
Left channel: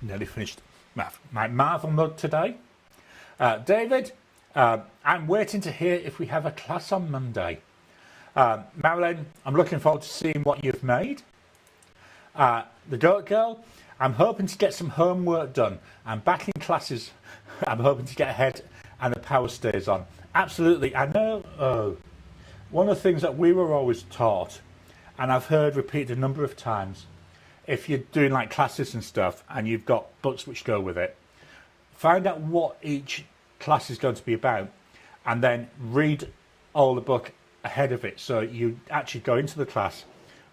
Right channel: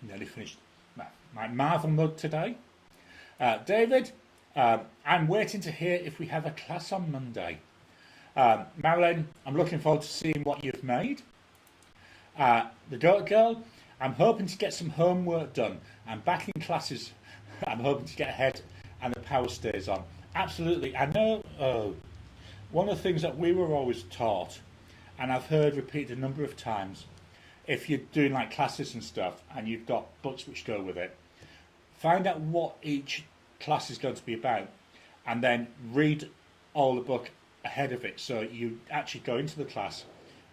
Nearly finished my Marvel mug today. David, I'm waiting to hear if we have a class on Monday. Marilyn, I'm looking forward to seeing what you've made. The Goat Girl, I'm hoping to get some homework done. I'm back in classes. I'm hoping to get ahead and the power stays on. Absolutely. I know one of the things that we were always taught, and I've heard repeated a number of times, if you're doing like classes and stuff and you've got books which go with it, find out what each class is going to be about and then read all the book ahead of it, so you actually go into the class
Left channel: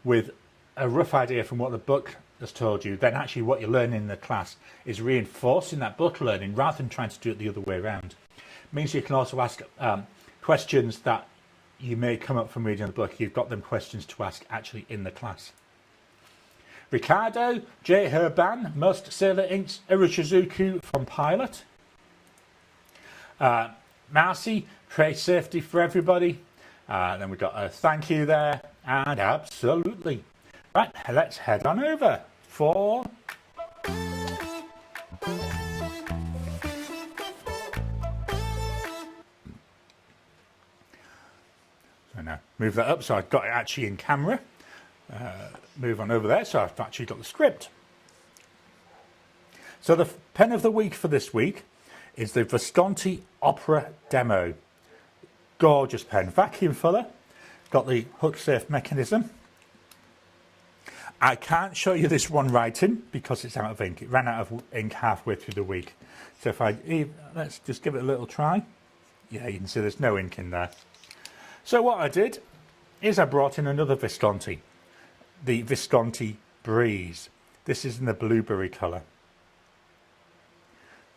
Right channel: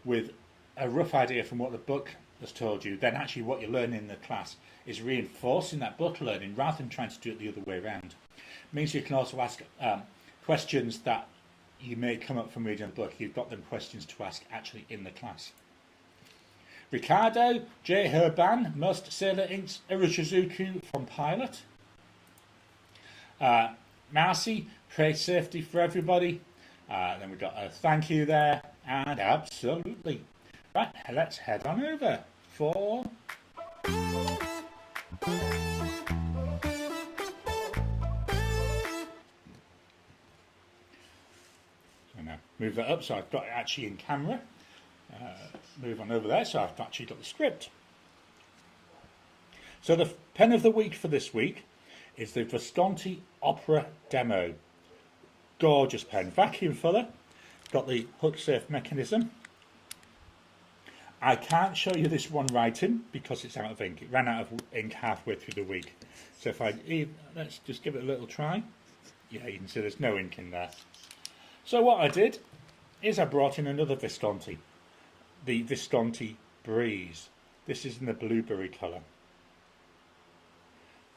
with a rough idea from what the book has told you. Then actually what you're learning in the class is reinforcing that book learning rather than trying to do it the other way around. It means you can also ask questions that you may come up from reading the book. You've got them questions to ask actually in the class. Ricardo, J. Herban, most Sailor Inks, Iroshizuku from Pilot. Marcy, pray safety for everybody. Then we've got a thank you there, and absolutely. Right, let's head on over for... So now, move that up so I've got it actually in camera. Move on over there so I've actually got the script. So the pen of the week for this week is the Visconti Opera Demo. Gorgeous pen, vacuum filler, got the hook safe mechanism. I can't show you this one writing because it's out of ink. It ran out of ink halfway through the week. So if let's just give it a little try. Yeah, you can see there's no ink in there. So what I did is I brought in another Visconti, the Visconti Breeze. This is in the blueberry colour.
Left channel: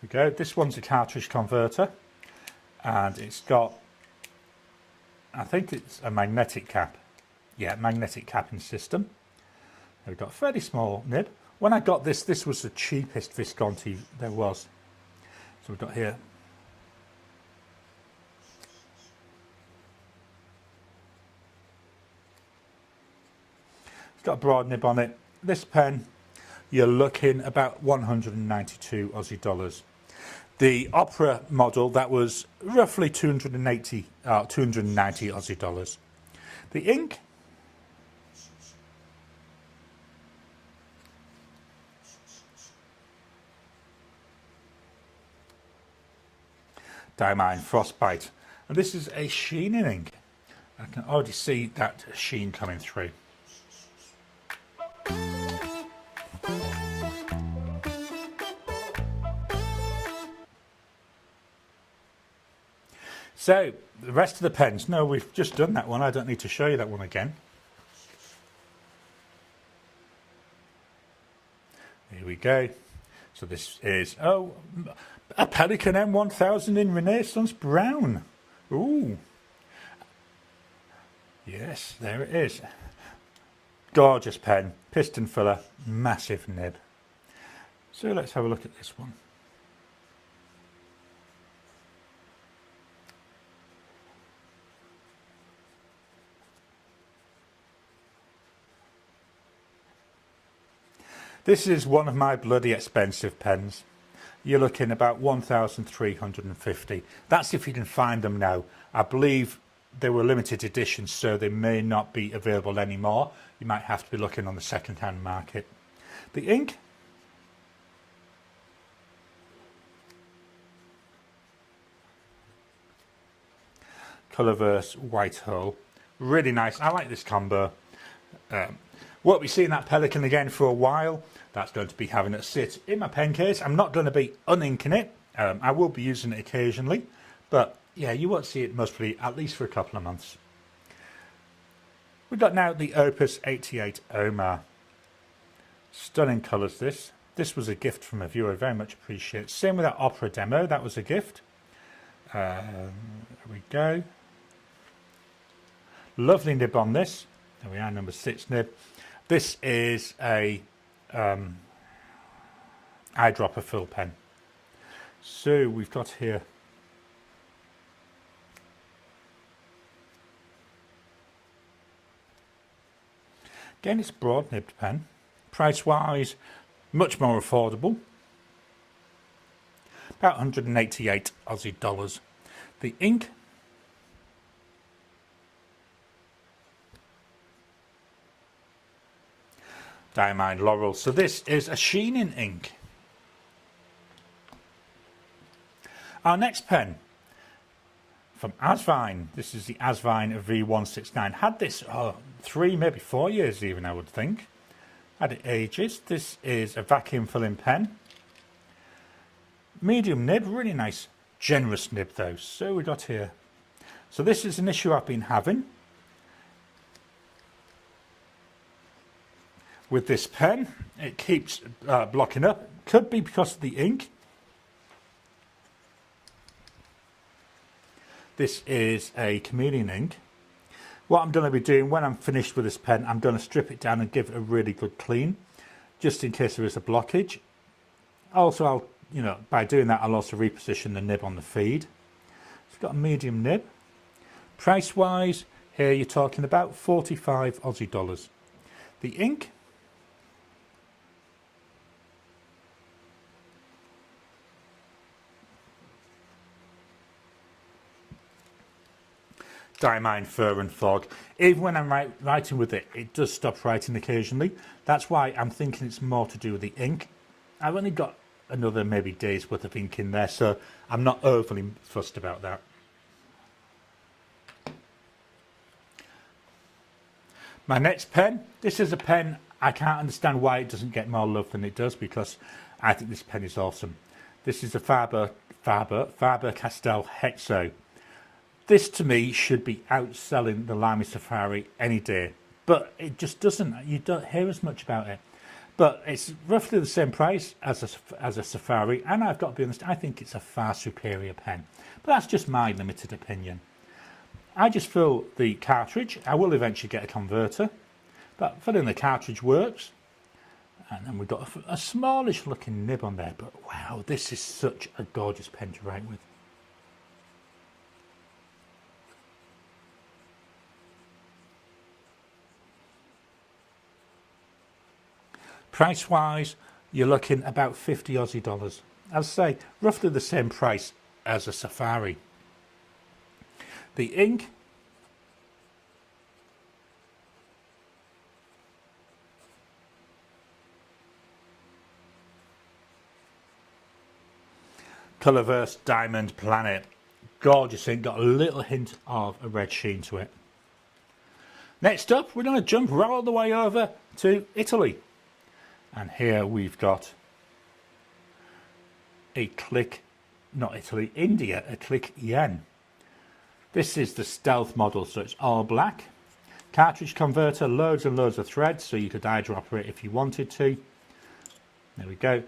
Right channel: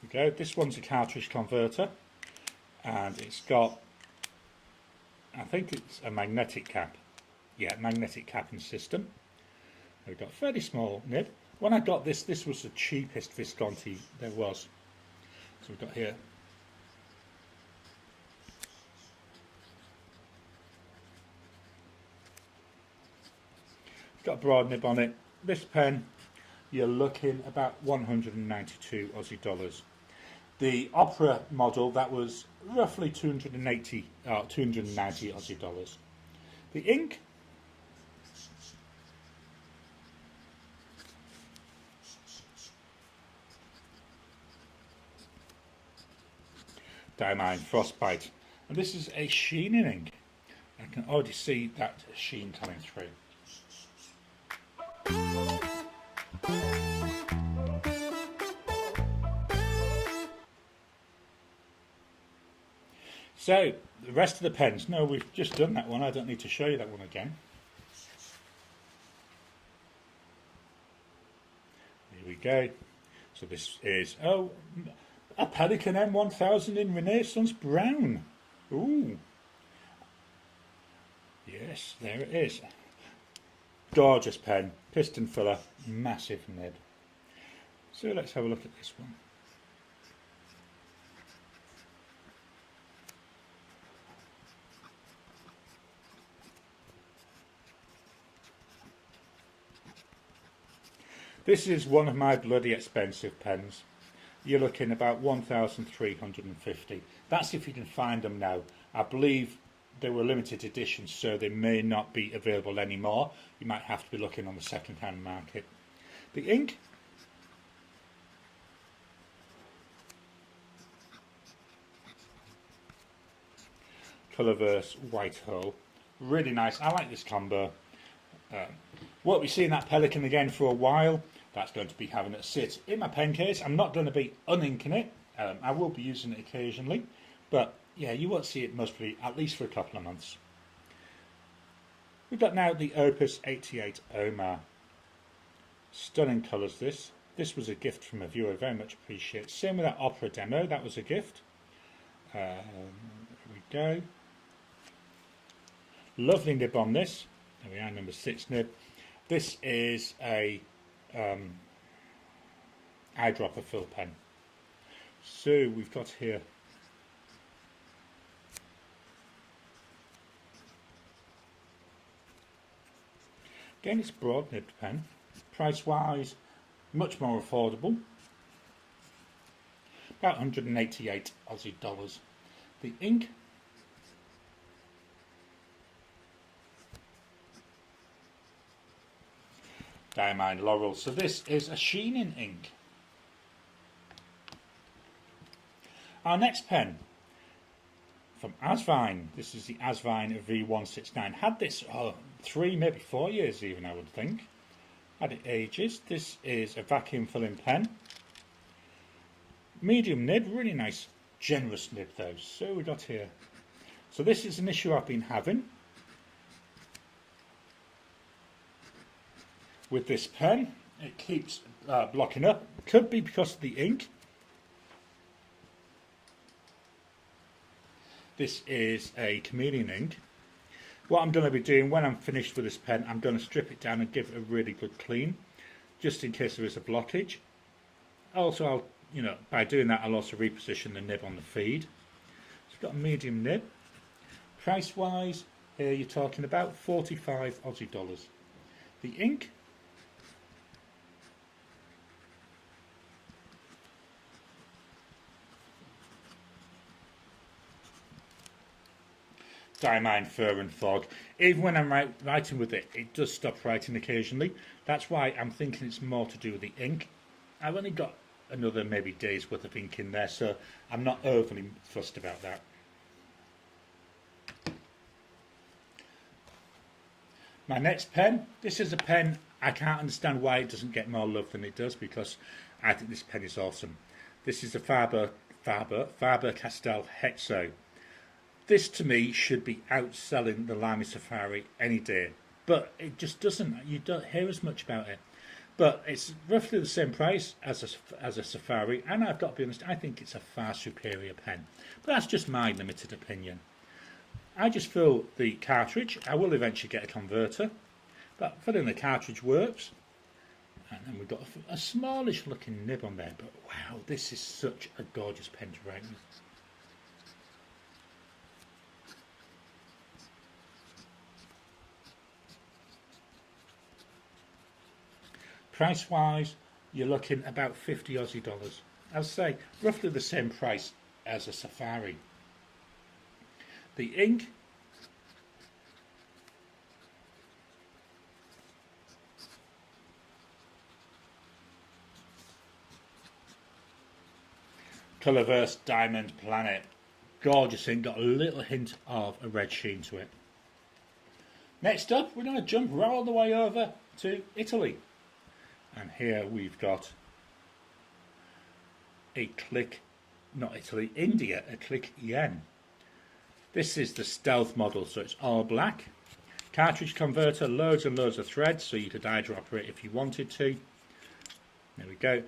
There we go. This one's a cartridge converter, and it's got, I think it's a magnetic cap. Yeah, magnetic capping system. We've got a fairly small nib. When I got this, this was the cheapest Visconti there was. So we've got here. It's got a broad nib on it. This pen, you're looking about 192 Aussie dollars. The Opera model, that was roughly 290 Aussie dollars. The ink, Diamine Frostbite, and this is a sheening ink. I can already see that sheen coming through. So the rest of the pens, no, we've just done that one. I don't need to show you that one again. Here we go. So this is, oh, a Pelican M1000 in Renaissance Brown. Ooh. Yes, there it is. Gorgeous pen, piston filler, massive nib. So let's have a look at this one. This is one of my bloody expensive pens. You're looking about 1,350. That's if you can find them now. I believe they were limited editions, so they may not be available anymore. You might have to be looking on the second-hand market. The ink. Colourverse White Hull. Really nice. I like this combo. Won't be seeing that Pelican again for a while. That's going to be having it sit in my pen case. I'm not going to be uninking it. I will be using it occasionally. But yeah, you won't see it most probably at least for a couple of months. We've got now the Opus 88 Omar. Stunning colours this. This was a gift from a viewer, very much appreciate. Same with that Opera demo, that was a gift. There we go. Lovely nib on this. There we are, number 6 nib. This is a eyedropper fill pen. So we've got here again, it's a broad nibbed pen. Price wise, much more affordable. About 188 Aussie dollars. The ink. Diamond Laurel. So this is a sheening ink. Our next pen from Asvine. This is the Asvine V169. Had this 3, maybe 4 years even, I would think. Had it ages. This is a vacuum filling pen. Medium nib, really nice, generous nib though. So we got here. So this is an issue I've been having with this pen. It keeps blocking up. Could be because of the ink. This is a chameleon ink. What I'm going to be doing when I'm finished with this pen, I'm going to strip it down and give it a really good clean, just in case there is a blockage. Also, I'll, by doing that, I'll also reposition the nib on the feed. It's got a medium nib. Price wise, here you're talking about 45 Aussie dollars. The ink. Diamine Fur and Fog. Even when I'm writing with it, it does stop writing occasionally. That's why I'm thinking it's more to do with the ink. I've only got another maybe day's worth of ink in there, so I'm not overly fussed about that. My next pen. This is a pen I can't understand why it doesn't get more love than it does, because I think this pen is awesome. This is the Faber-Castell Hexo. This to me should be outselling the Lamy Safari any day, but it just doesn't. You don't hear as much about it, but it's roughly the same price as a Safari, and I've got to be honest, I think it's a far superior pen, but that's just my limited opinion. I just fill the cartridge. I will eventually get a converter, but filling the cartridge works. And then we've got a smallish looking nib on there, but wow, this is such a gorgeous pen to write with. Price wise, you're looking about 50 Aussie dollars. I'll say roughly the same price as a Safari. The ink. Colourverse Diamond Planet. Gorgeous ink, got a little hint of a red sheen to it. Next up, we're going to jump right all the way over to Italy. And here we've got a India, a Click Yen. This is the stealth model, so it's all black. Cartridge converter, loads and loads of threads, so you could eyedropper it if you wanted to. There we go.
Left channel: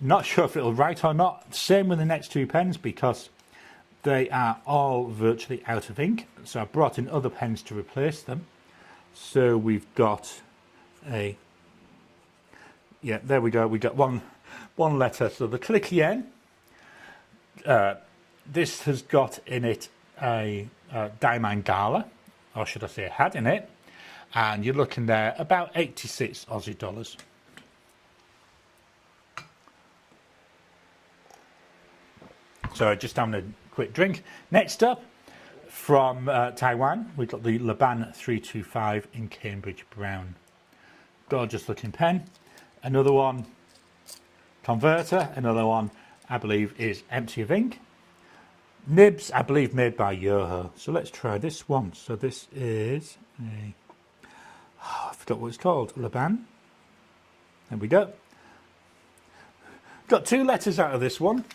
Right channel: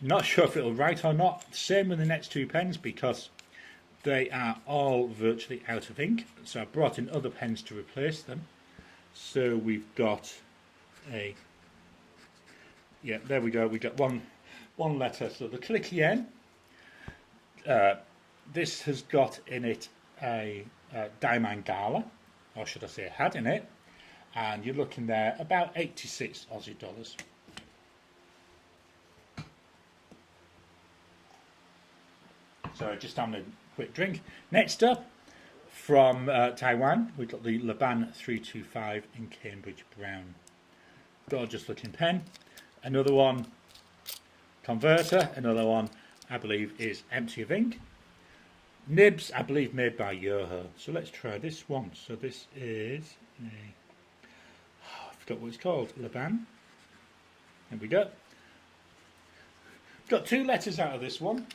Not sure if it'll write or not. Same with the next two pens, because they are all virtually out of ink. So I brought in other pens to replace them. So we've got a... Yeah, there we go. We got one letter. So the Click Yen. This has got in it a Diamond Gala, or should I say had in it, and you're looking there about 86 Aussie dollars. So just having a quick drink. Next up, from Taiwan, we've got the Laban 325 in Cambridge Brown. Gorgeous looking pen. Another one, converter. Another one, I believe, is empty of ink. Nibs, I believe, made by Yoho. So let's try this one. So this is a, I forgot what it's called, Laban. There we go. Got 2 letters out of this one.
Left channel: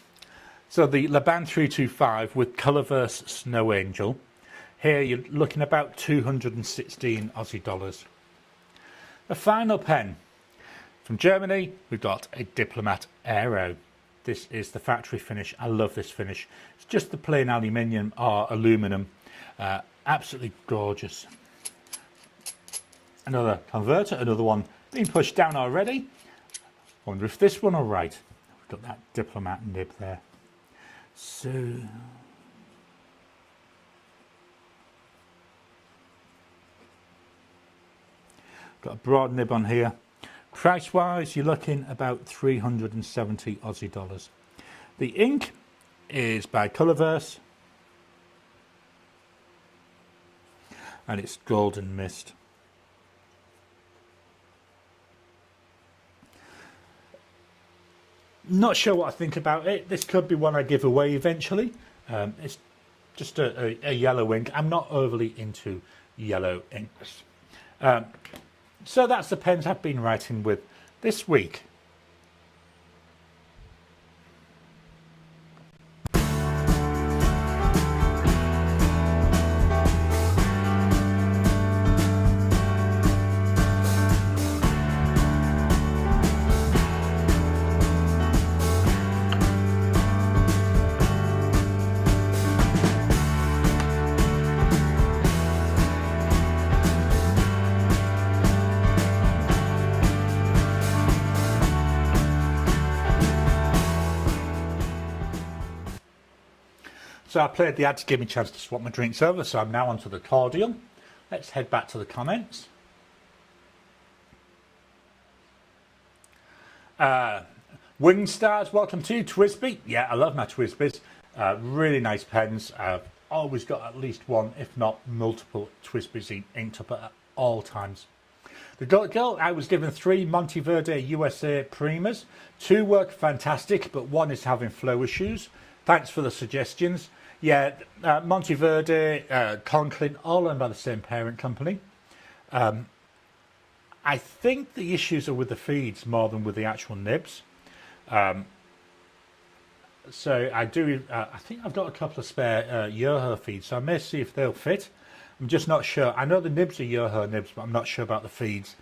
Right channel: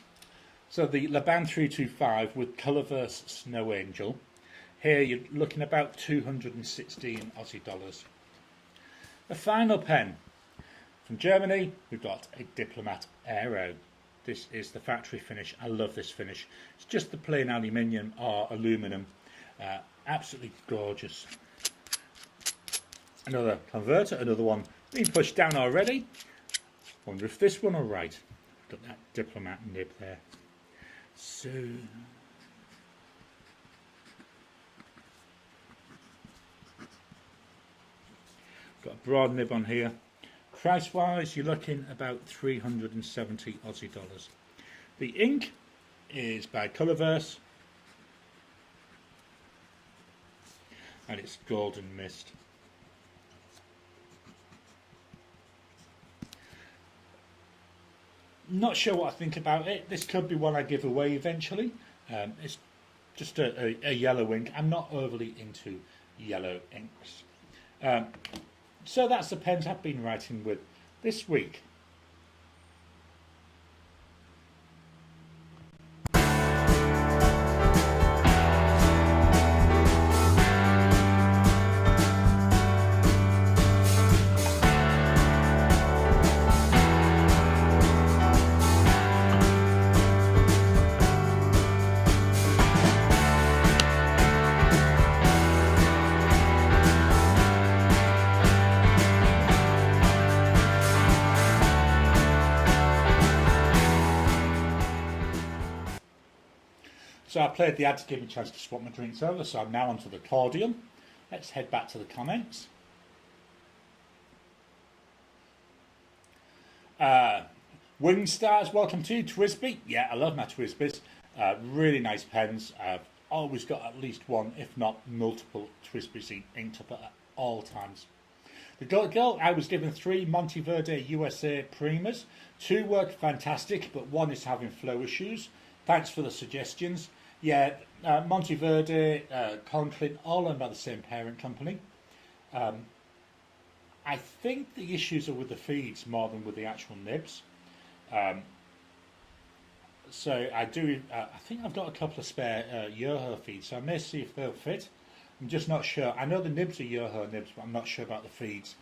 So the Laban 325 with Colourverse Snow Angel. Here you're looking about 216 Aussie dollars. The final pen from Germany, we've got a Diplomat Aero. This is the factory finish. I love this finish. It's just the plain aluminium or aluminum. Absolutely gorgeous. Another converter, another one being pushed down already. Wonder if this one will write. Got that Diplomat nib there. So got a broad nib on here. Price wise, you're looking about 370 Aussie dollars. The ink is by Colourverse and it's Golden Mist. Not sure what I think about it. This could be one I give away eventually. It's just a yellow ink. I'm not overly into yellow inks. So that's the pens I've been writing with this week. So I played the ad to give me a chance to swap my drinks over, so I'm now onto the cordial. Let's head back to the comments. Wing Stars, welcome to you. Twisby, yeah, I love my Twisbys. Really nice pens. I've always got at least one, if not multiple Twisbys inked up at all times. The girl, I was given 3 Monteverde USA Primas. 2 work fantastic, but 1 is having flow issues. Thanks for the suggestions. Yeah, Monteverde, Conklin, all owned by the same parent company. I think the issues are with the feeds more than with the actual nibs. So I do. I think I've got a couple of spare Yoho feeds, so I may see if they'll fit. I'm just not sure. I know the nibs are Yoho nibs, but I'm not sure about the feeds.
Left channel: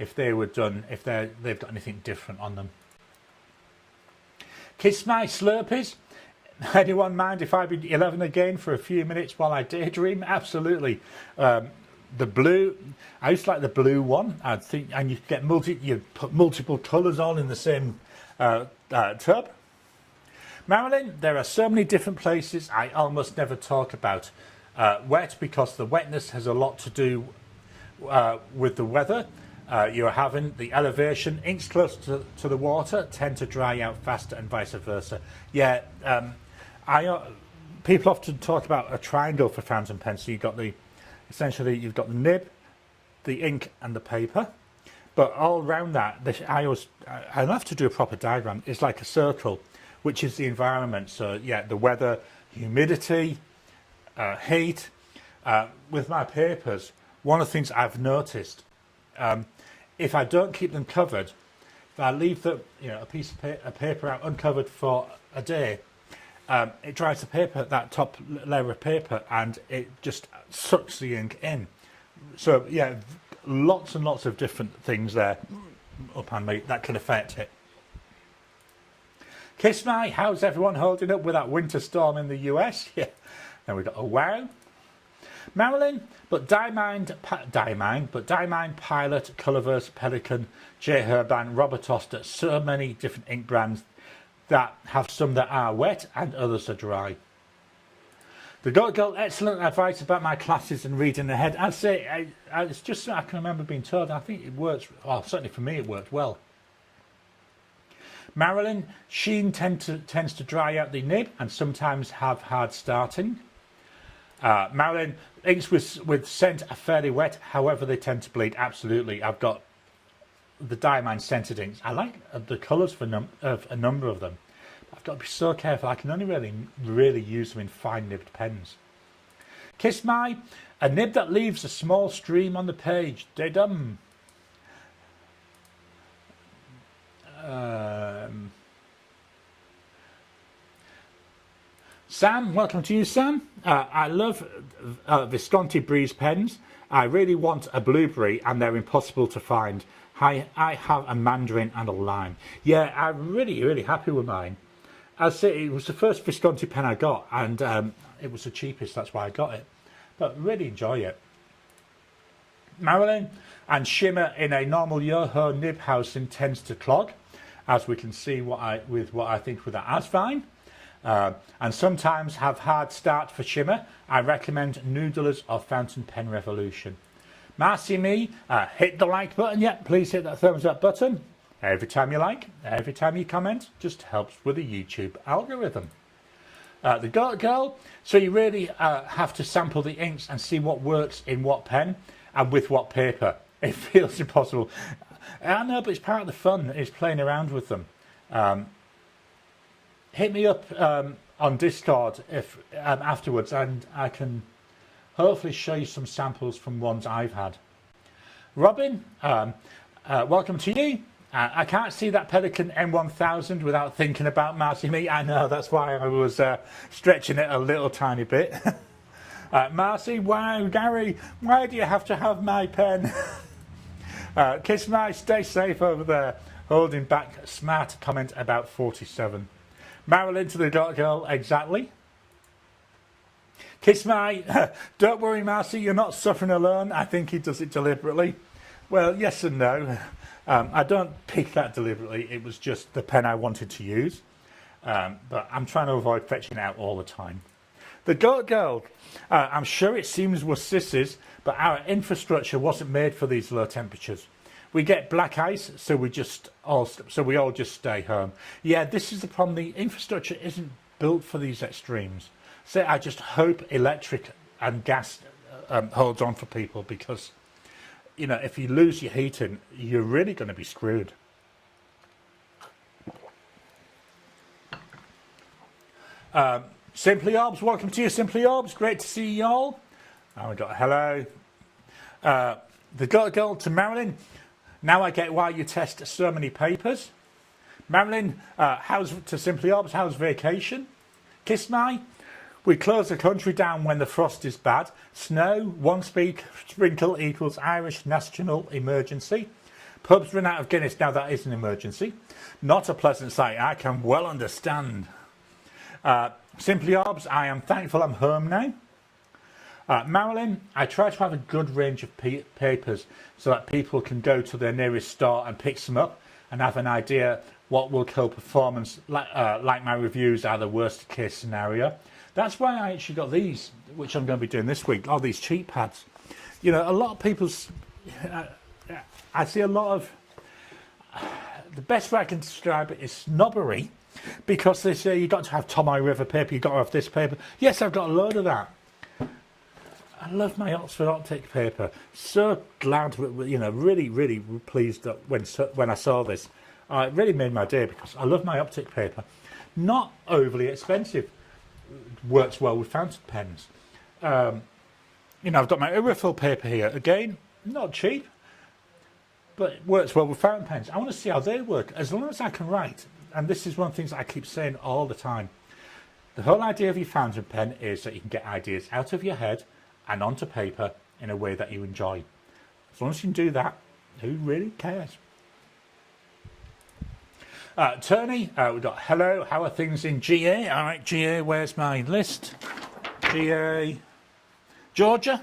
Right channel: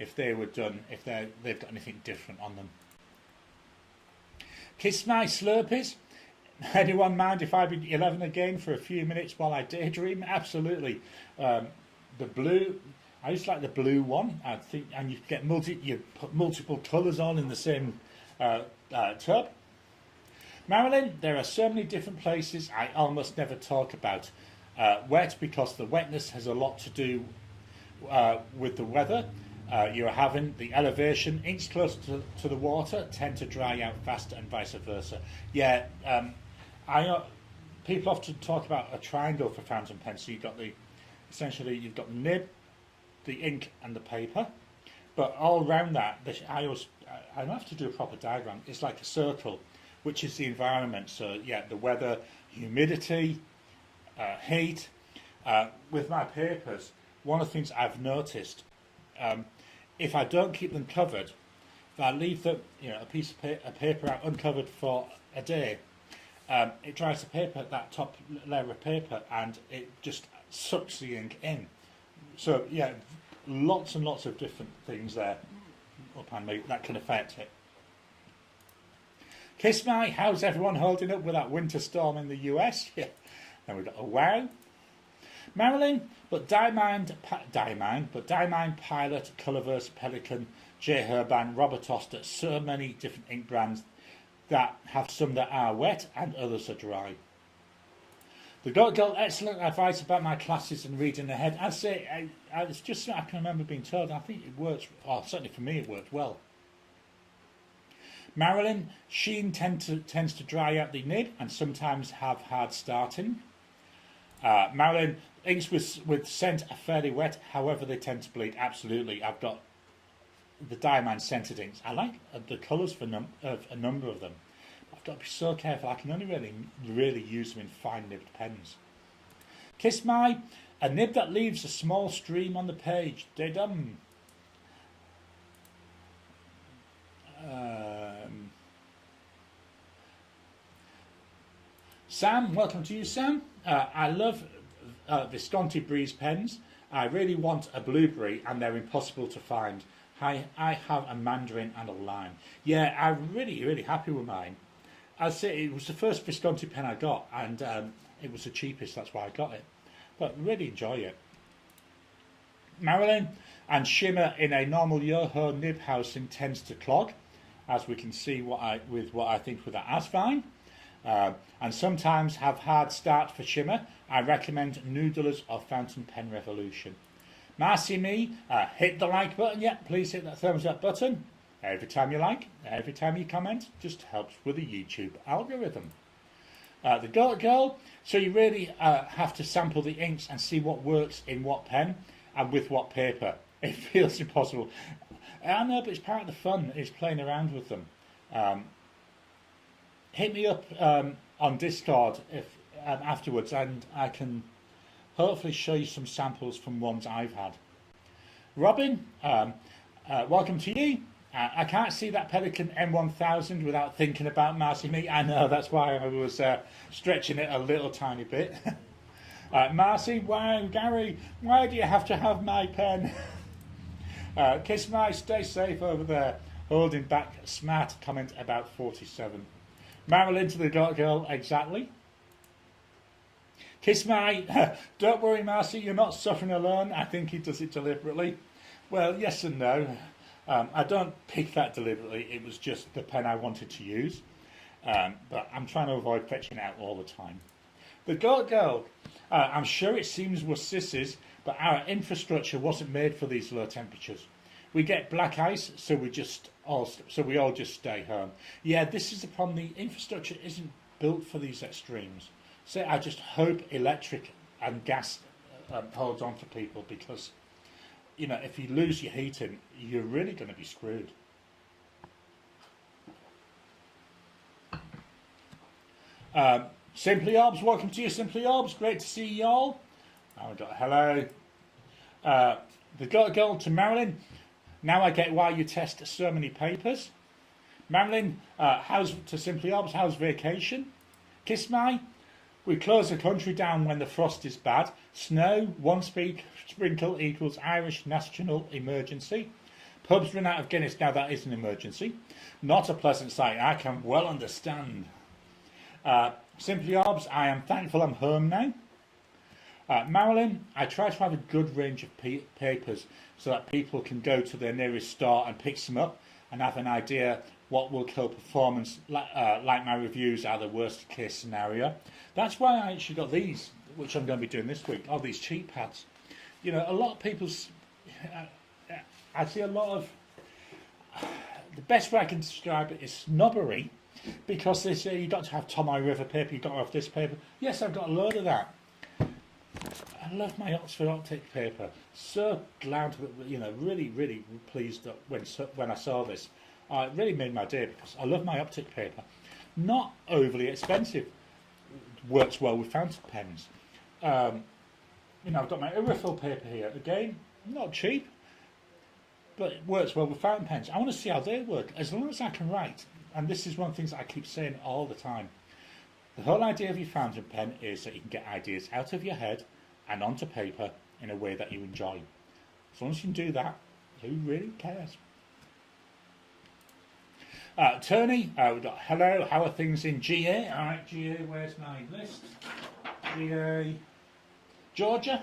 If they were done, if they've got anything different on them. Kiss my Slurpees. Anyone mind if I be 11 again for a few minutes while I daydream? Absolutely. The blue, I used to like the blue one. I think, and you get you put multiple colours on in the same tub. Marilyn, there are so many different places I almost never talk about wet, because the wetness has a lot to do with the weather. You're having the elevation, inks close to the water tend to dry out faster and vice versa. Yeah, people often talk about a triangle for fountain pens. So you've got essentially you've got the nib, the ink and the paper, but all around that, I'll have to do a proper diagram. It's like a circle, which is the environment. So yeah, the weather, humidity, heat. With my papers, one of the things I've noticed, if I don't keep them covered, if I leave a piece of paper out uncovered for a day, it dries the paper, that top layer of paper, and it just sucks the ink in. So yeah, lots and lots of different things there up on me that can affect it. Kiss my, how's everyone holding up with that winter storm in the US? Yeah. Then we got a wow. Marilyn, but Diamond Pilot, Colourverse, Pelican, J. Herban, Robert Oster, so many different ink brands that have some that are wet and others are dry. The Goat Girl, excellent advice about my classes and reading ahead. I'd say it's just something I can remember being told. I think it works, well, certainly for me it worked well. Marilyn, sheen tends to dry out the nib and sometimes have hard starting. Marilyn, inks with scent are fairly wet, however they tend to bleed. Absolutely, I've got the diamine scented inks. I like the colours of a number of them. I've got to be so careful. I can only really use them in fine nibbed pens. Kiss My, a nib that leaves a small stream on the page. De-dum. Sam, welcome to you, Sam. I love Visconti Breeze pens. I really want a blueberry and they're impossible to find. I have a mandarin and a lime. Yeah, I'm really happy with mine. As I say, it was the first Visconti pen I got and it was the cheapest, that's why I got it. But really enjoy it. Marilyn, and shimmer in a normal Yoho nib housing tends to clog, as we can see with what I think with the Asvine. And sometimes have hard start for shimmer. I recommend Noodlers or Fountain Pen Revolution. Marcy Me, hit the like button. Yep, please hit that thumbs up button. Every time you like, every time you comment, just helps with the YouTube algorithm. The Goat Girl, so you really have to sample the inks and see what works in what pen and with what paper. It feels impossible. I know, but it's part of the fun, is playing around with them. Hit me up on Discord if afterwards, and I can hopefully show you some samples from ones I've had. Robin, welcome to you. I can't see that Pelikan M1000 without thinking about Marcy Me. I know, that's why I was stretching it a little tiny bit. Marcy, wow, Gary, why do you have to have my pen? Kiss My, stay safe over there. Holding back, smart comment about 47. Marilyn to the Dark Girl, exactly. Kiss My, don't worry, Marcy, you're not suffering alone. I think he does it deliberately. Well, yes and no. I don't pick that deliberately. It was just the pen I wanted to use. But I'm trying to avoid fetching it out all the time. The Dark Girl, I'm sure it seems we're sissies, but our infrastructure wasn't made for these low temperatures. We get black ice, so we all just stay home. Yeah, this is the problem. The infrastructure isn't built for these extremes. So I just hope electric and gas holds on for people, because, you know, if you lose your heating, you're really going to be screwed. Simply Orbs, welcome to you, Simply Orbs. Great to see you all. Oh, we got hello. The girl to Marilyn. Now I get why you test so many papers. Marilyn, how's to Simply Orbs? How's vacation? Kiss My. We close the country down when the frost is bad. Snow, one sprinkle equals Irish national emergency. Pubs run out of Guinness. Now that is an emergency. Not a pleasant sight, I can well understand. Simply Orbs, I am thankful I'm home now. Marilyn, I try to have a good range of papers so that people can go to their nearest store and pick some up and have an idea what will kill performance, like my reviews are the worst case scenario. That's why I actually got these, which I'm going to be doing this week, all these cheap pads. You know, a lot of people's, I see a lot of, the best way I can describe it is snobbery, because they say you've got to have Tomoe River paper, you've got to have this paper. Yes, I've got a load of that. I love my Oxford Optic paper. So glad, you know, really pleased that when I saw this, it really made my day, because I love my Optic paper. Not overly expensive. Works well with fountain pens. You know, I've got my Urifill paper here. Again, not cheap, but it works well with fountain pens. I want to see how they work. As long as I can write, and this is one of the things I keep saying all the time, the whole idea of your fountain pen is that you can get ideas out of your head and onto paper in a way that you enjoy. As long as you can do that, who really cares? Tony, we've got hello, how are things in GA? All right, GA, where's my list? GA, Georgia.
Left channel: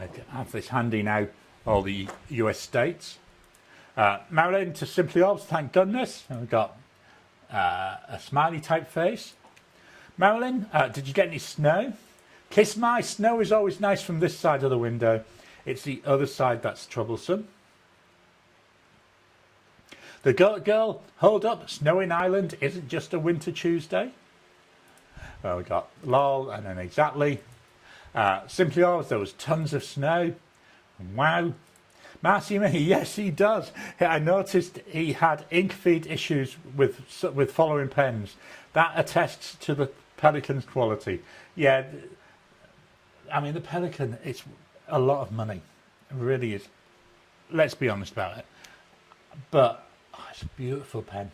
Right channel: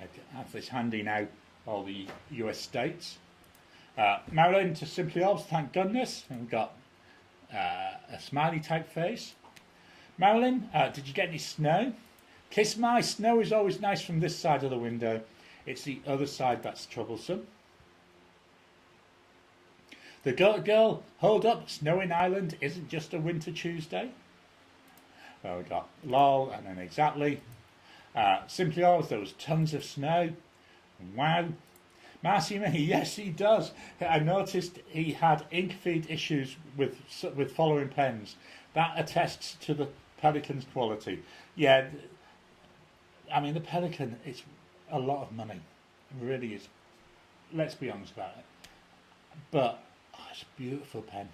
I have this handy now, all the US states. Marilyn to Simply Orbs, thank goodness. And we've got a smiley type face. Marilyn, did you get any snow? Kiss My, snow is always nice from this side of the window. It's the other side that's troublesome. The Goat Girl, hold up, snow in Ireland isn't just a winter Tuesday. Well, we got lol and then exactly. Simply always, there was tons of snow. Wow. Marcy me, yes he does. I noticed he had ink feed issues with following pens. That attests to the Pelican's quality. Yeah, I mean the Pelican, it's a lot of money. It really is. Let's be honest about it. But it's a beautiful pen.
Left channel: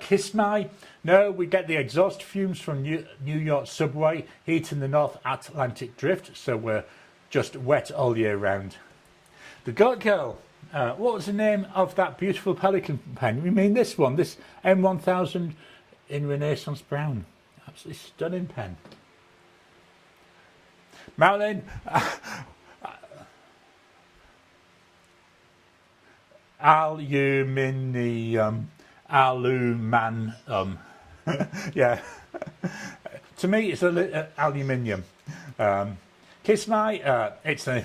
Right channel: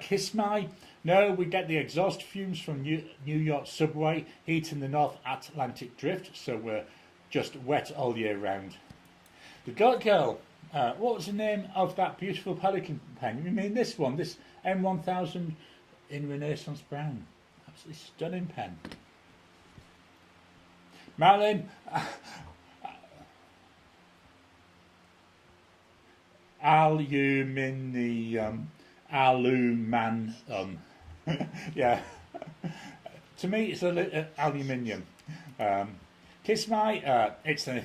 Kiss My, no, we get the exhaust fumes from New York subway heating the North Atlantic drift, so we're just wet all year round. The Goat Girl, what was the name of that beautiful Pelican pen? You mean this one, this M1000 in Renaissance Brown? Absolutely stunning pen. Marilyn, aluminium. Yeah, to me it's aluminium. Kiss My, it's the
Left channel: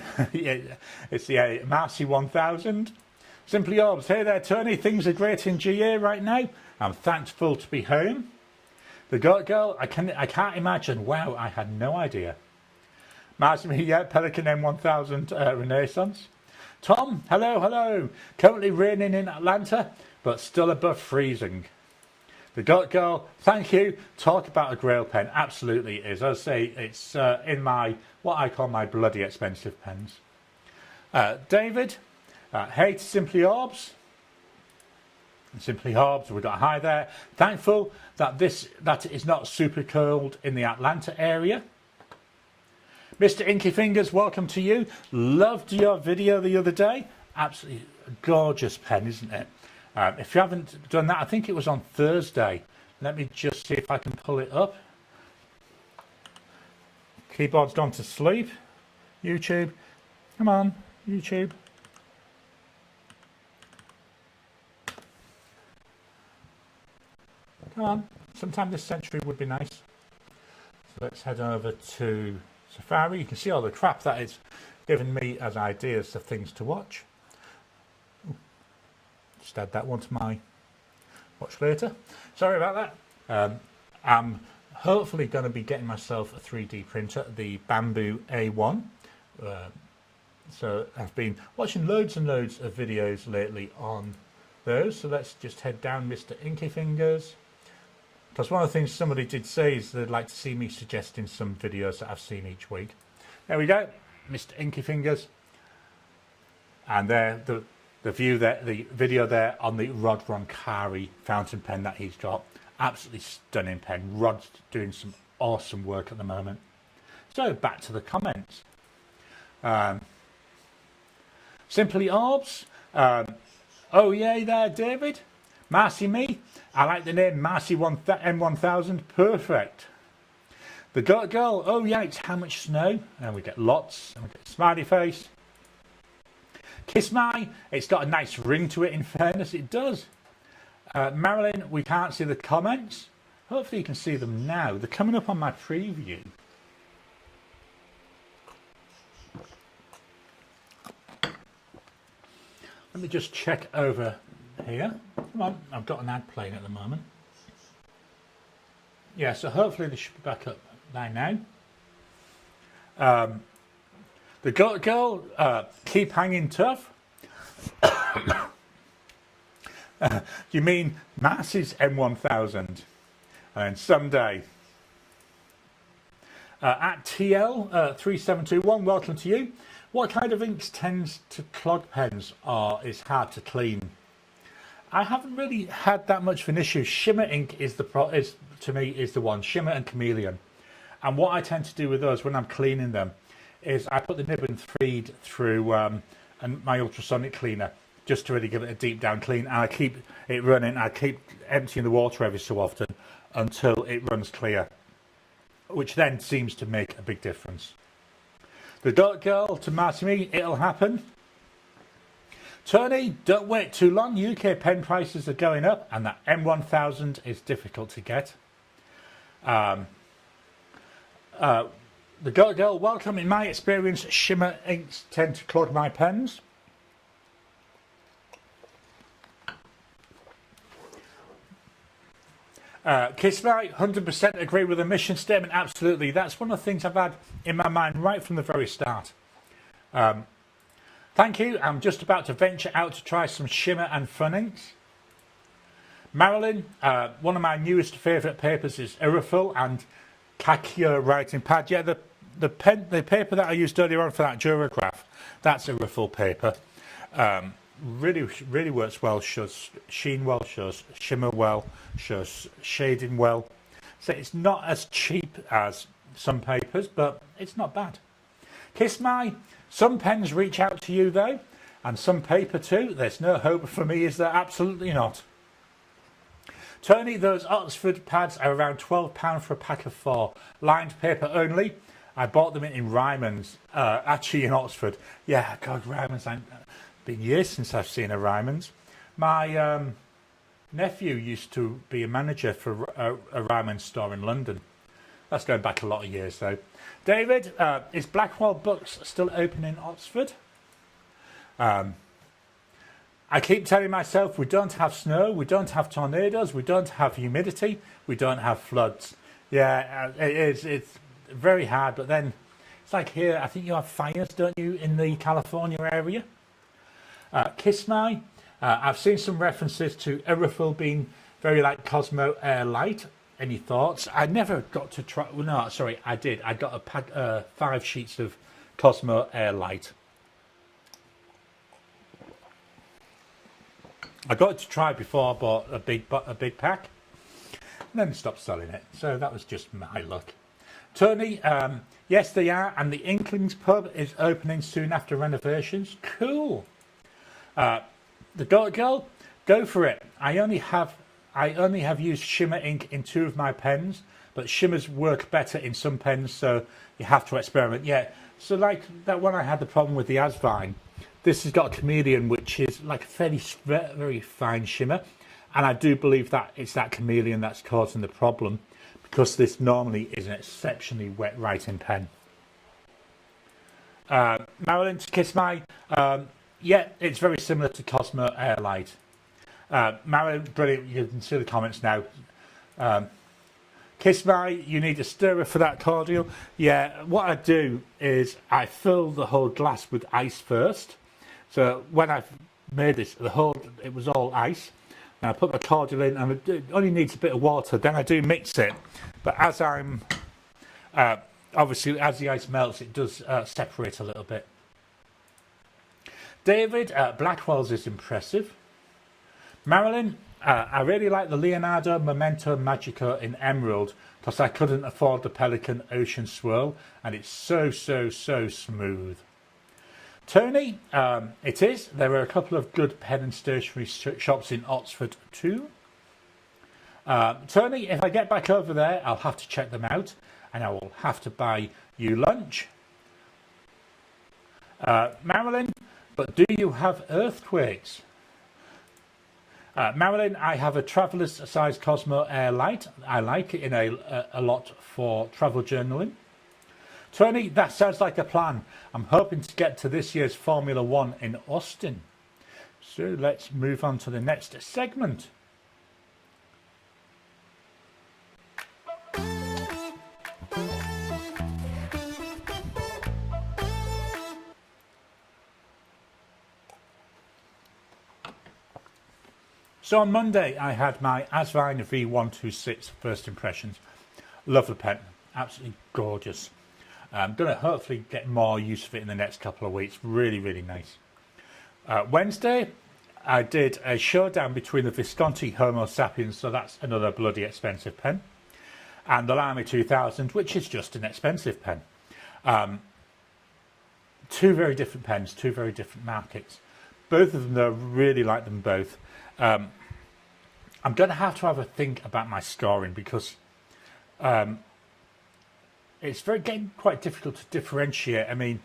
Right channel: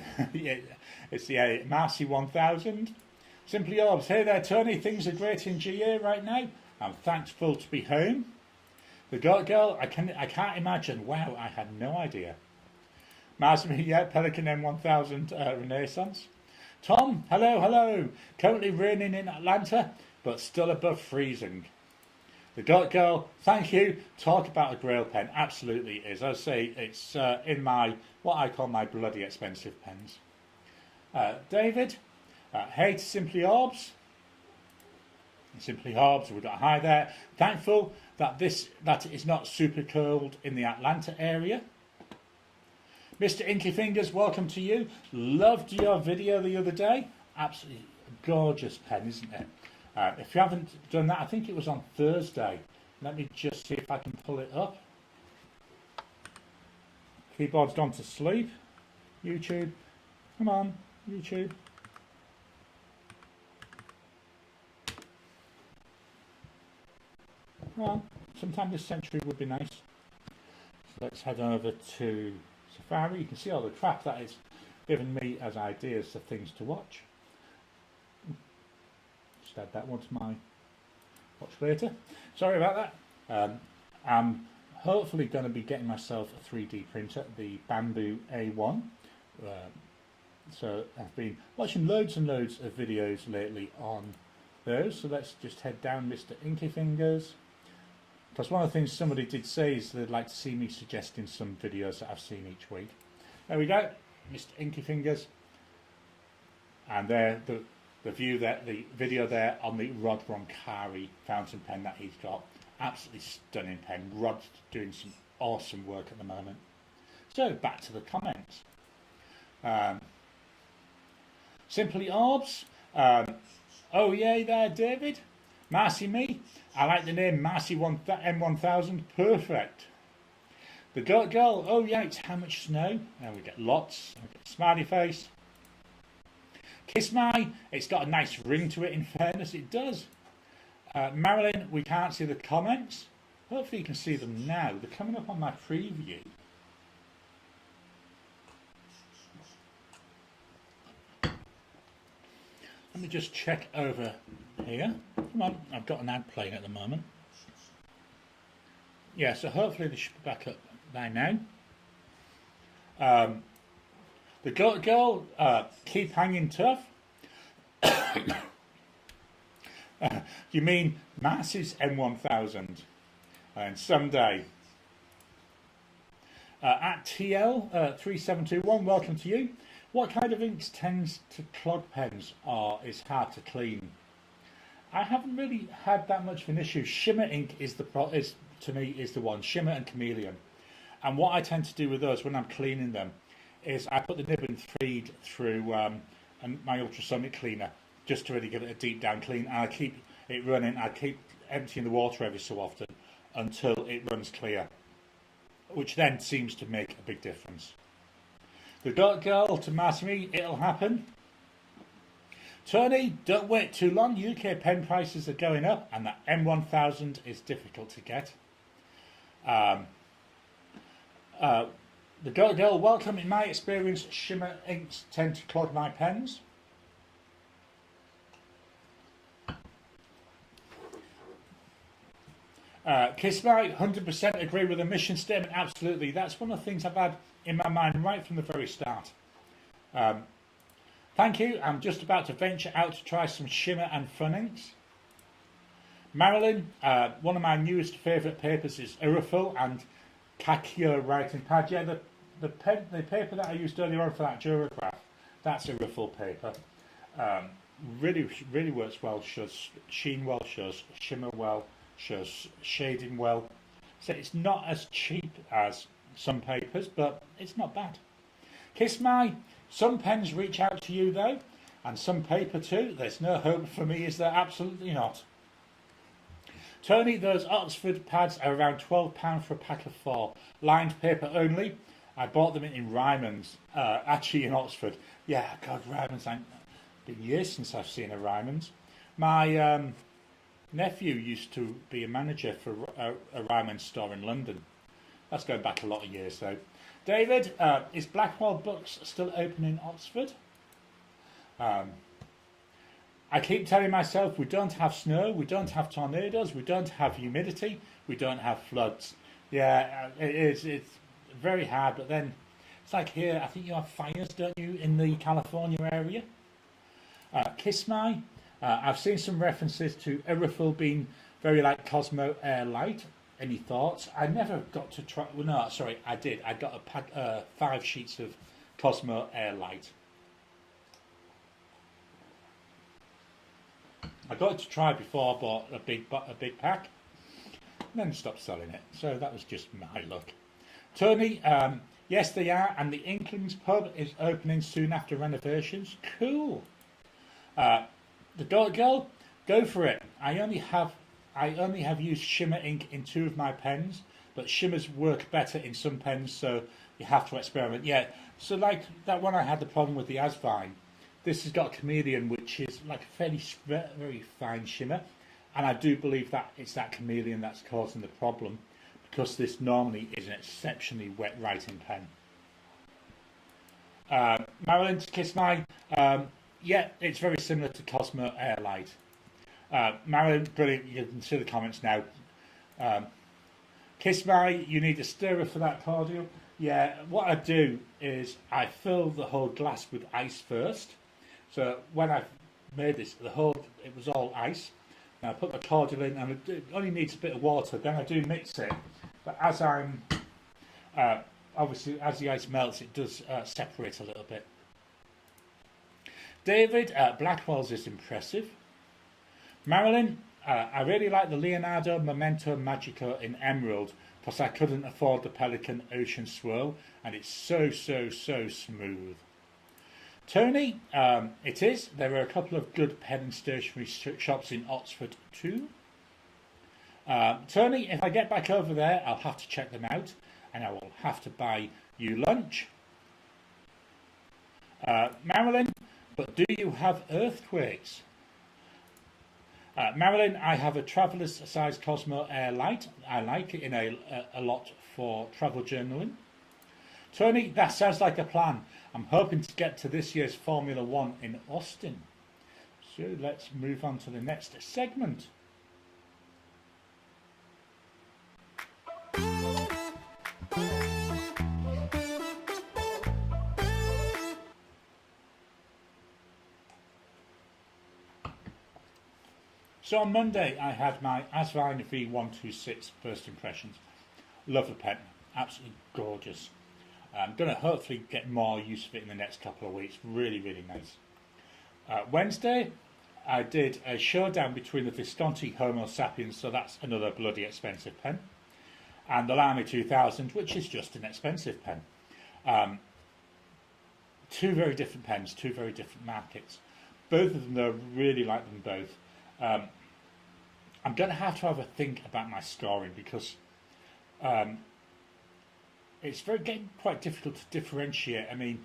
Marcy 1000. Simply Orbs, hey there Tony, things are great in GA right now. I'm thankful to be home. The Goat Girl, I can't imagine. Wow, I had no idea. Marcy, yeah, Pelican M1000 Renaissance. Tom, hello. Currently raining in Atlanta, but still above freezing. The Goat Girl, thank you. Talk about a grail pen. Absolutely is. As I say, it's in my, what I call my bloody expensive pens. David, hey to Simply Orbs. Simply Orbs, we got hi there. Thankful that it is not super cold in the Atlanta area. Mr. Inky Fingers, welcome to you. Loved your video the other day. Absolutely gorgeous pen, isn't it? If you haven't done that, I think it was on Thursday. Let me just see if I can pull it up. Keyboard's gone to sleep. YouTube, come on, YouTube. Come on, sometime this century would be nice. So let's head over to Safari. You can see all the crap that is giving me as ideas of things to watch. Just add that one to my watch later. Sorry about that. I'm hopefully going to be getting myself a 3D printer, the Bamboo A1. So I've been watching loads and loads of videos lately on those. So let's just head down, Mr. Inky Fingers. Because one of the things somebody did say is they'd like to see me suggesting some videos that I've seen each week. There we go, Mr. Inky Fingers. And there, the view there, the video there on the Rod Roncari fountain pen that he's got. Absolutely stunning pen. Rod's doing some awesome work at the moment. So back to the comments. Simply Orbs. Oh yay there, David. Marcy me. I like the name Marcy M1000. Perfect. The Goat Girl. Oh yeah, it's how much snow? And we get lots. And we get smiley face. Kiss My. It's got a nice ring to it. In fairness, it does. Marilyn, we can't see the comments. Hopefully you can see them now. They're coming up on my preview. Let me just check over here. Come on, I've got an ad playing at the moment. Yeah, so hopefully they should be back up by now. The Goat Girl, keep hanging tough. You mean Marcy's M1000? And someday. At TL3721, welcome to you. What kind of inks tends to clog pens or is hard to clean? I haven't really had that much of an issue. Shimmer ink is to me the one. Shimmer and Chameleon. And what I tend to do with those when I'm cleaning them is I put the nib and feed through and my ultrasonic cleaner just to really give it a deep down clean. And I keep it running. I keep emptying the water every so often until it runs clear, which then seems to make a big difference. The Goat Girl to Marcy me, it'll happen. Tony, don't wait too long. UK pen prices are going up and that M1000 is difficult to get. The Goat Girl, welcome. In my experience, shimmer inks tend to clog my pens. Kismai, 100% agree with the mission statement. Absolutely. That's one of the things I've had in my mind right from the very start. Thank you. I'm just about to venture out to try some shimmer and funnings. Marilyn, one of my newest favourite papers is Irrefill and Kakio writing pad. Yeah, the paper that I used earlier on for that Durograph, that's Irrefill paper. Really works well, shows sheen well, shows shimmer well, shows shading well. So it's not as cheap as some papers, but it's not bad. Kismai, some pens reach out to you though, and some paper too. There's no hope for me, is there? Absolutely not. Tony, those Oxford pads are around £12 for a pack of 4. Lined paper only. I bought them in Ryman's, actually in Oxford. Yeah, God, Ryman's. Been years since I've seen a Ryman's. My nephew used to be a manager for a Ryman's store in London. That's going back a lot of years though. David, is Blackwell Books still open in Oxford? I keep telling myself we don't have snow, we don't have tornadoes, we don't have humidity, we don't have floods. Yeah, it's very hard, but then it's like here, I think you have fires, don't you, in the California area? Kismai, I've seen some references to Irrefill being very like Cosmo Air Light. Any thoughts? I never got to try. Well, no, sorry, I did. I got a pack, 5 sheets of Cosmo Air Light. I got it to try before I bought a big pack, and then stopped selling it. So that was just my luck. Tony, yes, they are, and the Inklings pub is opening soon after renovations. Cool. The Dot Girl, go for it. I only have used shimmer ink in 2 of my pens, but shimmers work better in some pens, so you have to experiment. Yeah, so like that one I had the problem with the Asvine. This has got a Chameleon, which is like a fairly very fine shimmer, and I do believe that it's that Chameleon that's causing the problem, because this normally is an exceptionally wet writing pen. Marilyn, to kiss my. Yeah, it's very similar to Cosmo Air Light. Marilyn, brilliant. You can see the comments now. Kismai, you need a stirrer for that cordial. Yeah, what I do is I fill the whole glass with ice first. So when I made this, it was all ice. And I put the cordial in, and it only needs a bit of water. Then I do mix it. But as I'm, obviously, as the ice melts, it does separate a little bit. David, Blackwell's is impressive. Marilyn, I really like the Leonardo Memento Magico in Emerald because I couldn't afford the Pelican Ocean Swirl, and it's so smooth. Tony, it is. There are a couple of good pen and stationery shops in Oxford too. Tony, if I get back over there, I'll have to check them out, and I will have to buy you lunch. Marilyn, but do you have earthquakes? Marilyn, I have a traveller's size Cosmo Air Light. I like it in a lot for travel journaling. Tony, that sounds like a plan. I'm hoping to get to this year's Formula 1 in Austin. So let's move on to the next segment. So on Monday, I had my Asvine V126 first impressions. Love the pen, absolutely gorgeous. I'm going to hopefully get more use of it in the next couple of weeks. Really nice. Wednesday, I did a showdown between the Visconti Homo Sapiens, so that's another bloody expensive pen, and the Lamy 2000, which is just an expensive pen. 2 very different pens, 2 very different markets. Both of them, though, really like them both. I'm going to have a think about my scoring because it's getting quite difficult to differentiate. I mean,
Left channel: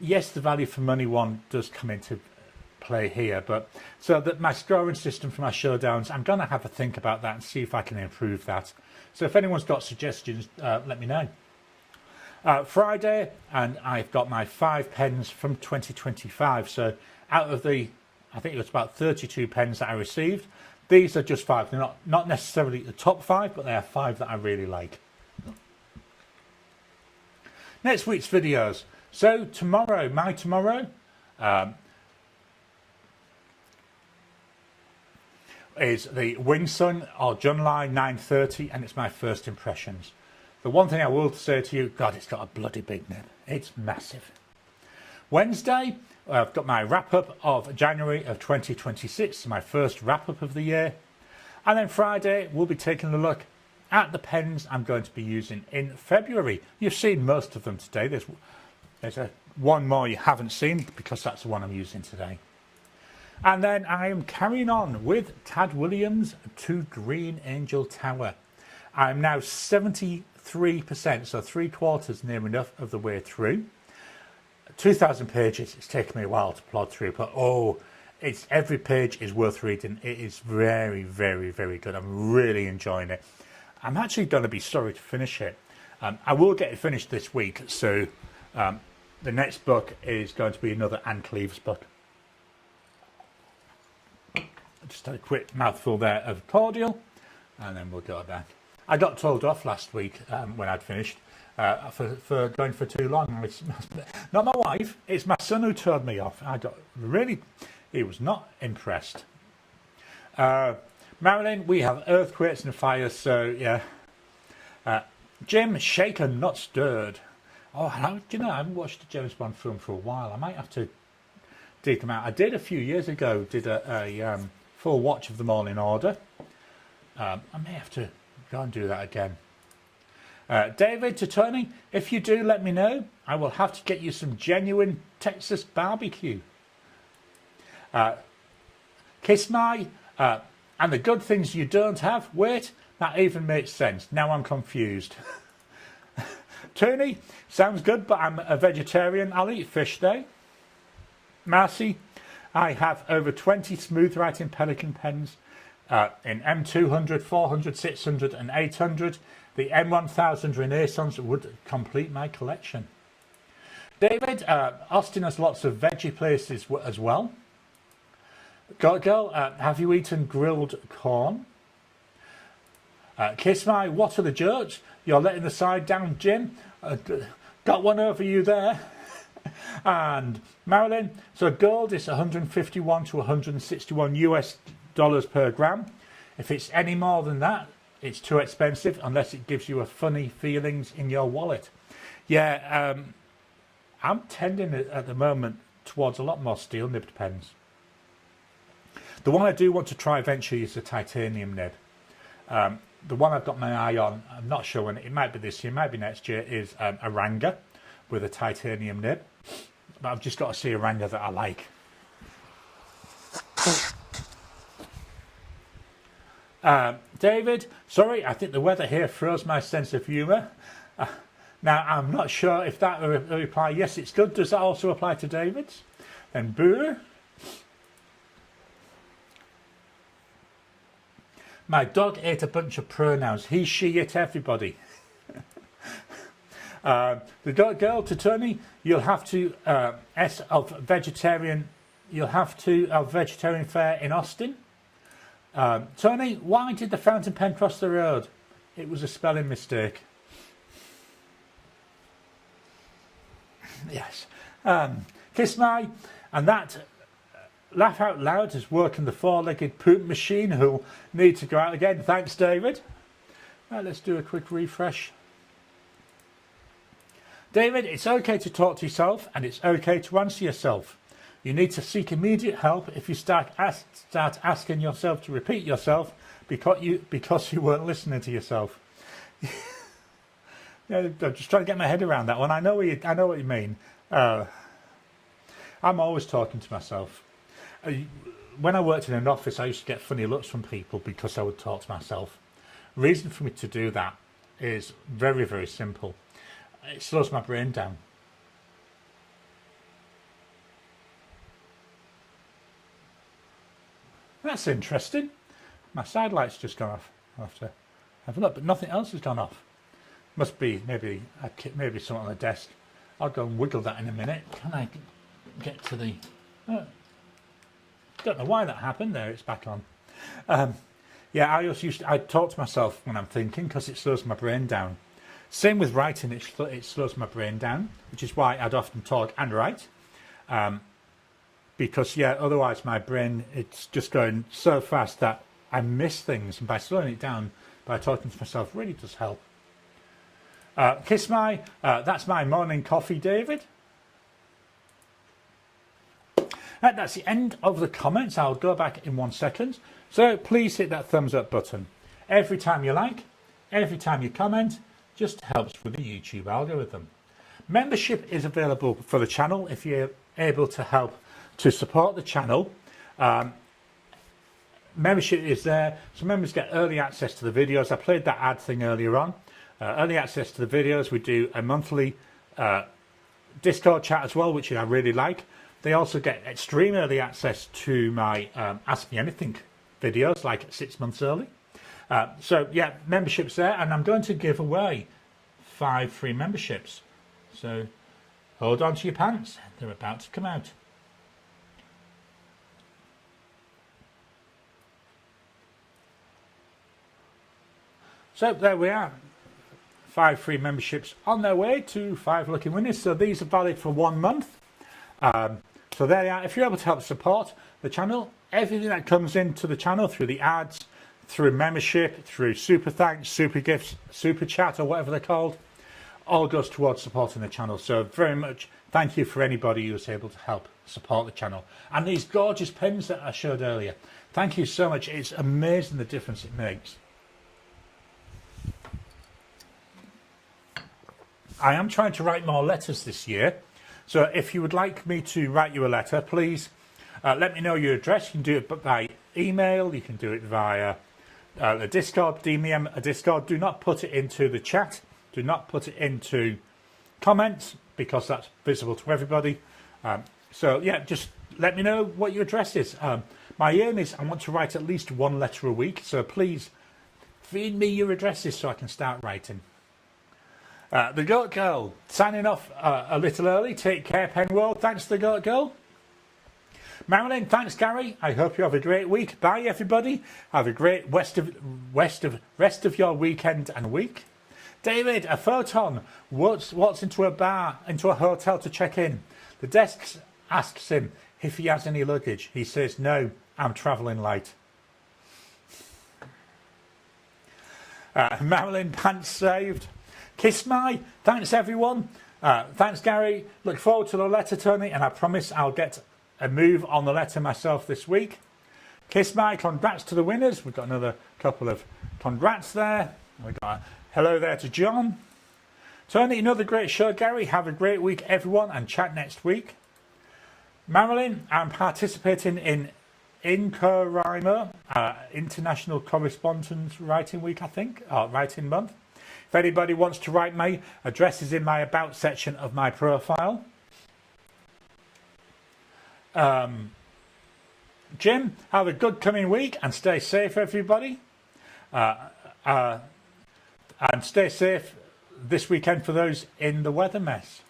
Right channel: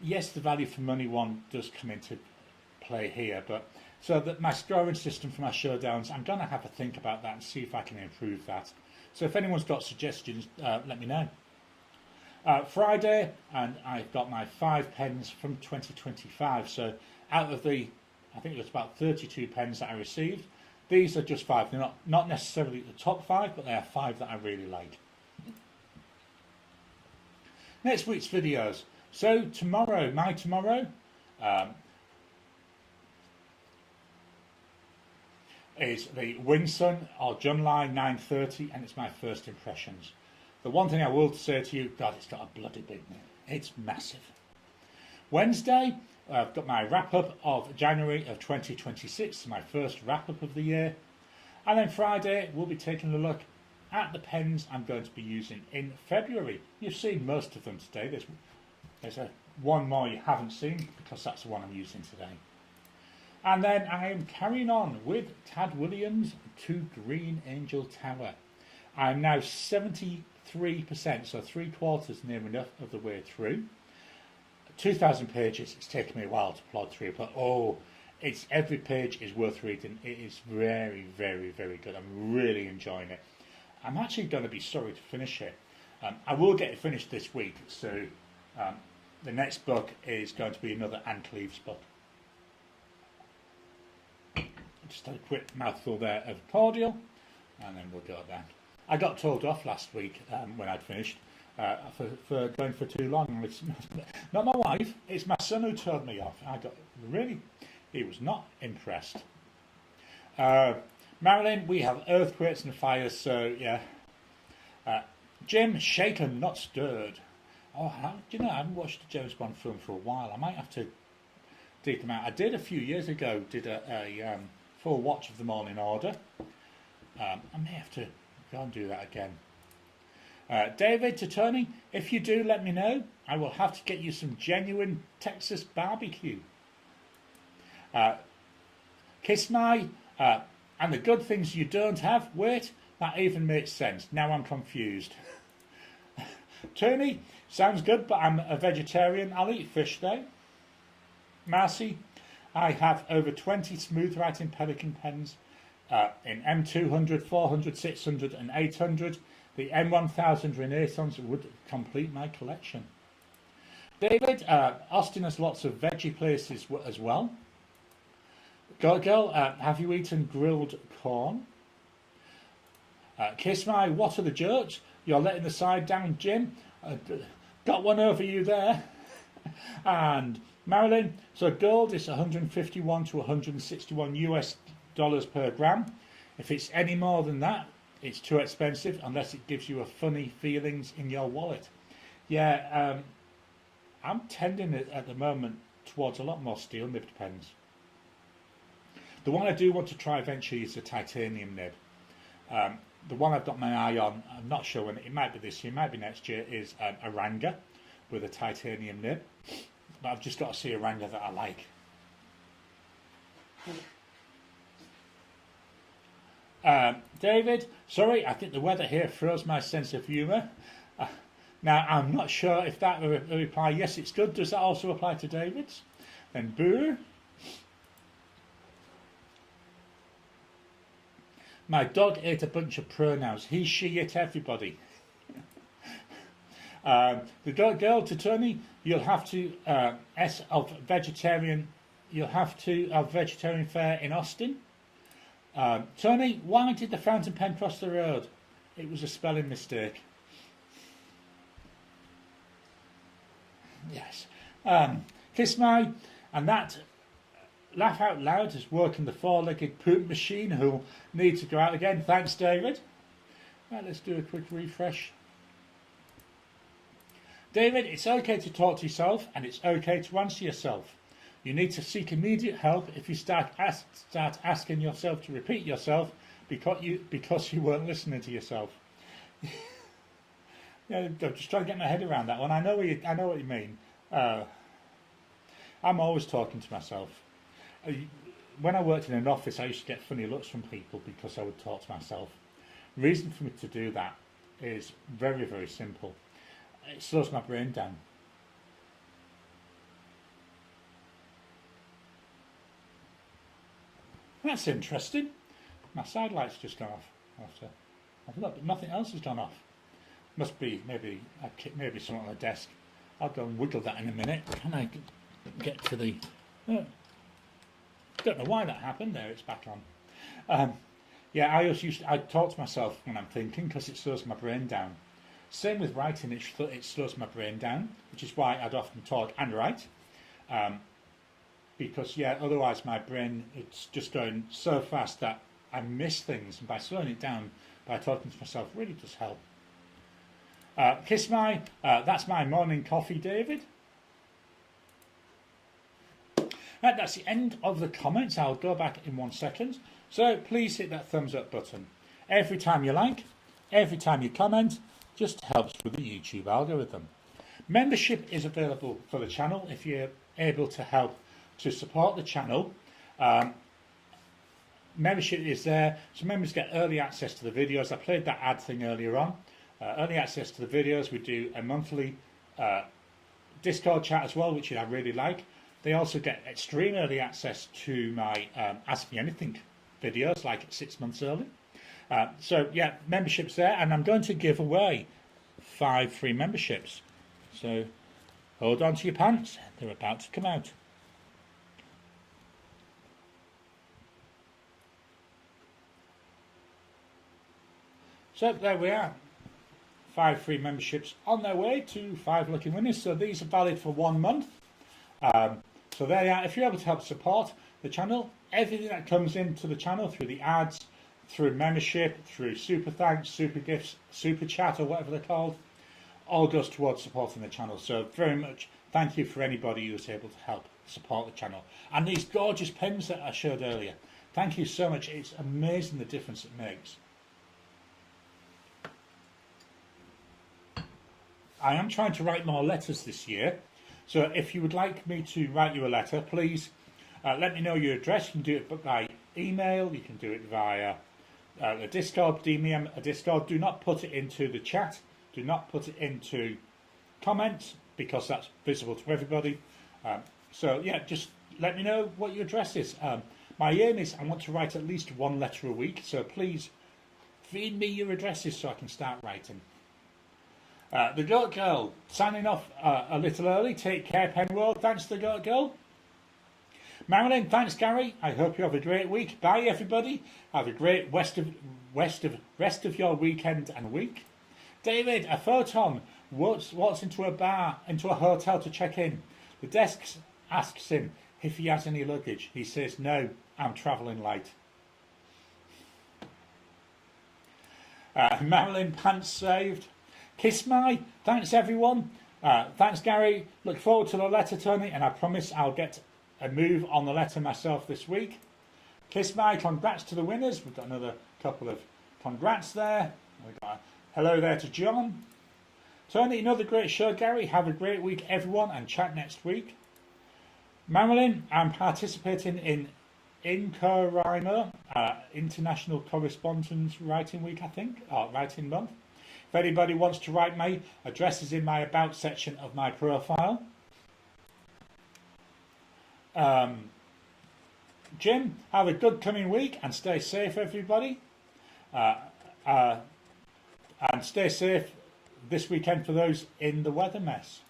yes, the value for money one does come into play here, but so that my scoring system for my showdowns, I'm going to have a think about that and see if I can improve that. So if anyone's got suggestions, let me know. Friday, and I've got my 5 pens from 2025. So out of the, I think it was about 32 pens that I received, These are just 5. They're not necessarily the top 5, but they are 5 that I really like. Next week's videos. So tomorrow, my tomorrow, is the Wing Sun or Junline 930, and it's my first impressions. The one thing I will say to you, God, it's got a bloody big nib. It's massive. Wednesday, I've got my wrap-up of January of 2026, my first wrap-up of the year. And then Friday, we'll be taking a look at the pens I'm going to be using in February. You've seen most of them today. There's one more you haven't seen, because that's the one I'm using today. And then I am carrying on with Tad Williams to Green Angel Tower. I am now 73%, so 3/4 near enough of the way through. 2,000 pages. It's taken me a while to plod through, but every page is worth reading. It is very, very, very good. I'm really enjoying it. I'm actually going to be sorry to finish it. I will get it finished this week, so the next book is going to be another Anne Cleeves book. Just a quick mouthful there of cordial, and then we'll go back. I got told off last week when I'd finished for going for too long. It's not my wife, it's my son who told me off. He was not impressed. Marilyn, we have earthquakes and fires, so yeah. Jim, shaken, not stirred. Oh, do you know, I haven't watched a James Bond film for a while. I might have to dig them out. I did a few years ago, did a full watch of them all in order. I may have to go and do that again. David to Tony, if you do, let me know. I will have to get you some genuine Texas barbecue. Kiss my, and the good things you don't have. Wait, that even makes sense. Now I'm confused. Tony, sounds good, but I'm a vegetarian. I'll eat fish though. Marcy, I have over 20 smooth writing Pelican pens in M200, 400, 600 and 800. The M1000 Renaissance would complete my collection. David, Austin has lots of veggie places as well. Girl, have you eaten grilled corn? Kiss my, what are the jokes? You're letting the side down, Jim. Got one over you there. And Marilyn, so gold is 151 to 161 US dollars per gram. If it's any more than that, it's too expensive unless it gives you a funny feelings in your wallet. Yeah, I'm tending at the moment towards a lot more steel nibbed pens. The one I do want to try eventually is the titanium nib. The one I've got my eye on, I'm not sure when, it might be this year, might be next year, is a Ranger with a titanium nib. But I've just got to see a Ranger that I like. David, sorry, I think the weather here froze my sense of humour. Now, I'm not sure if that reply, yes, it's good. Does that also apply to David's? Then boo. My dog ate a bunch of pronouns. He, she, it, everybody. The dog girl to Tony, you'll have to S of vegetarian. You'll have to of vegetarian fair in Austin. Tony, why did the fountain pen cross the road? It was a spelling mistake. Yes. Kiss my, and that laugh out loud is working the four-legged poop machine who'll need to go out again. Thanks, David. Right, let's do a quick refresh. David, it's okay to talk to yourself and it's okay to answer yourself. You need to seek immediate help if you start asking yourself to repeat yourself because you weren't listening to yourself. Yeah, I'm just trying to get my head around that one. I know what you mean. I'm always talking to myself. When I worked in an office, I used to get funny looks from people because I would talk to myself. The reason for me to do that is very, very simple. It slows my brain down. That's interesting. My side light's just gone off. I'll have to have a look, but nothing else has gone off. Must be maybe something on the desk. I'll go and wiggle that in a minute. Can I get to the... don't know why that happened. There, it's back on. Yeah, I talk to myself when I'm thinking because it slows my brain down. Same with writing, it slows my brain down, which is why I'd often talk and write. Because, yeah, otherwise my brain, it's just going so fast that I miss things. And by slowing it down, by talking to myself, really does help. That's my morning coffee, David. Right, that's the end of the comments. I'll go back in 1 second. So please hit that thumbs up button. Every time you like, every time you comment, just helps with the YouTube algorithm. Membership is available for the channel if you're able to help to support the channel. Membership is there, so members get early access to the videos. I played that ad thing earlier on. Early access to the videos. We do a monthly Discord chat as well, which I really like. They also get extreme early access to my Ask Me Anything videos, like 6 months early. So yeah, membership's there, and I'm going to give away 5 free memberships. So hold on to your pants, they're about to come out. So there we are. 5 free memberships on their way to 5 lucky winners. So these are valid for 1 month. So there you are. If you're able to help support the channel, everything that comes into the channel through the ads, through membership, through super thanks, super gifts, super chat, or whatever they're called, all goes towards supporting the channel. So very much thank you for anybody who was able to help support the channel. And these gorgeous pens that I showed earlier, thank you so much. It's amazing the difference it makes. I am trying to write more letters this year, so if you would like me to write you a letter, please let me know your address. You can do it by email, you can do it via the Discord, DM a Discord. Do not put it into the chat, do not put it into comments, because that's visible to everybody. So yeah, just let me know what your address is. My aim is I want to write at least 1 letter a week, so please feed me your addresses so I can start writing. The Goat Girl, signing off a little early. Take care, Penworld. Thanks to the Goat Girl. Marilyn, thanks, Gary. I hope you have a great week. Bye, everybody. Have a great rest of your weekend and week. David, a photon. What's into a bar, into a hotel to check in? The desk asks him if he has any luggage. He says, no, I'm travelling light. Marilyn, pants saved. Kiss my, thanks everyone. Thanks Gary. Look forward to the letter, Tony, and I promise I'll get a move on the letter myself this week. Kiss my, congrats to the winners. We've got another couple of congrats there. We've got a hello there to John. Tony, another great show, Gary. Have a great week, everyone, and chat next week. Marilyn, I'm participating in INCORIMO, International Correspondence Writing Week, I think, or Writing Month. If anybody wants to write me, address is in my about section of my profile. Jim, have a good coming week and stay safe, everybody. And stay safe this weekend for those in the weather mess.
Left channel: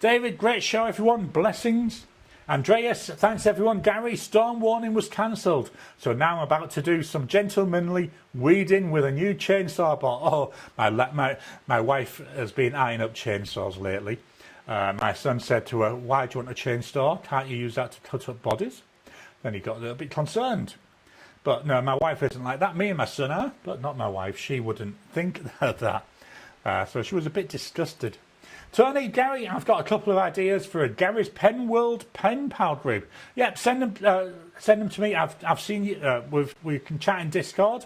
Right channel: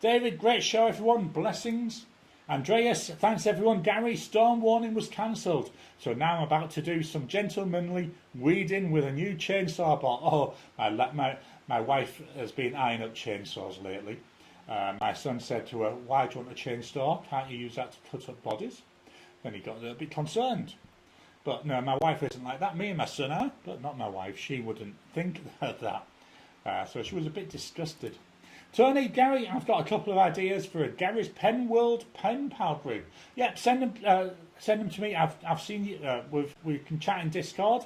David, great show, everyone. Blessings. Andreas, thanks everyone. Gary, storm warning was cancelled, so now I'm about to do some gentlemanly weeding with a new chainsaw bot. Oh, my wife has been eyeing up chainsaws lately. My son said to her, why do you want a chainsaw? Can't you use that to cut up bodies? Then he got a little bit concerned. But no, my wife isn't like that. Me and my son are, but not my wife. She wouldn't think of that. So she was a bit disgusted. Tony, Gary, I've got a couple of ideas for a Gary's Pen World pen pal group. Yeah, send them to me. I've seen you. We can chat in Discord.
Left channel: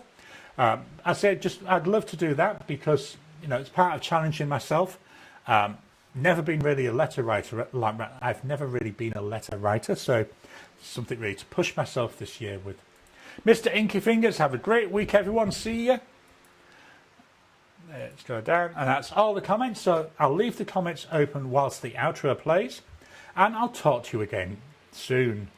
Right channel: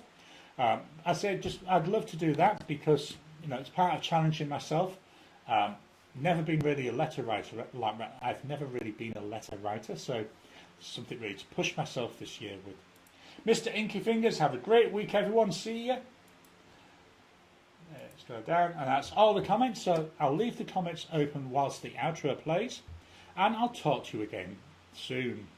I said I'd love to do that because it's part of challenging myself. Never been really a letter writer. I've never really been a letter writer, so something really to push myself this year with. Mr. Inky Fingers, have a great week, everyone. See ya. Let's go down, and that's all the comments, so I'll leave the comments open whilst the outro plays, and I'll talk to you again soon.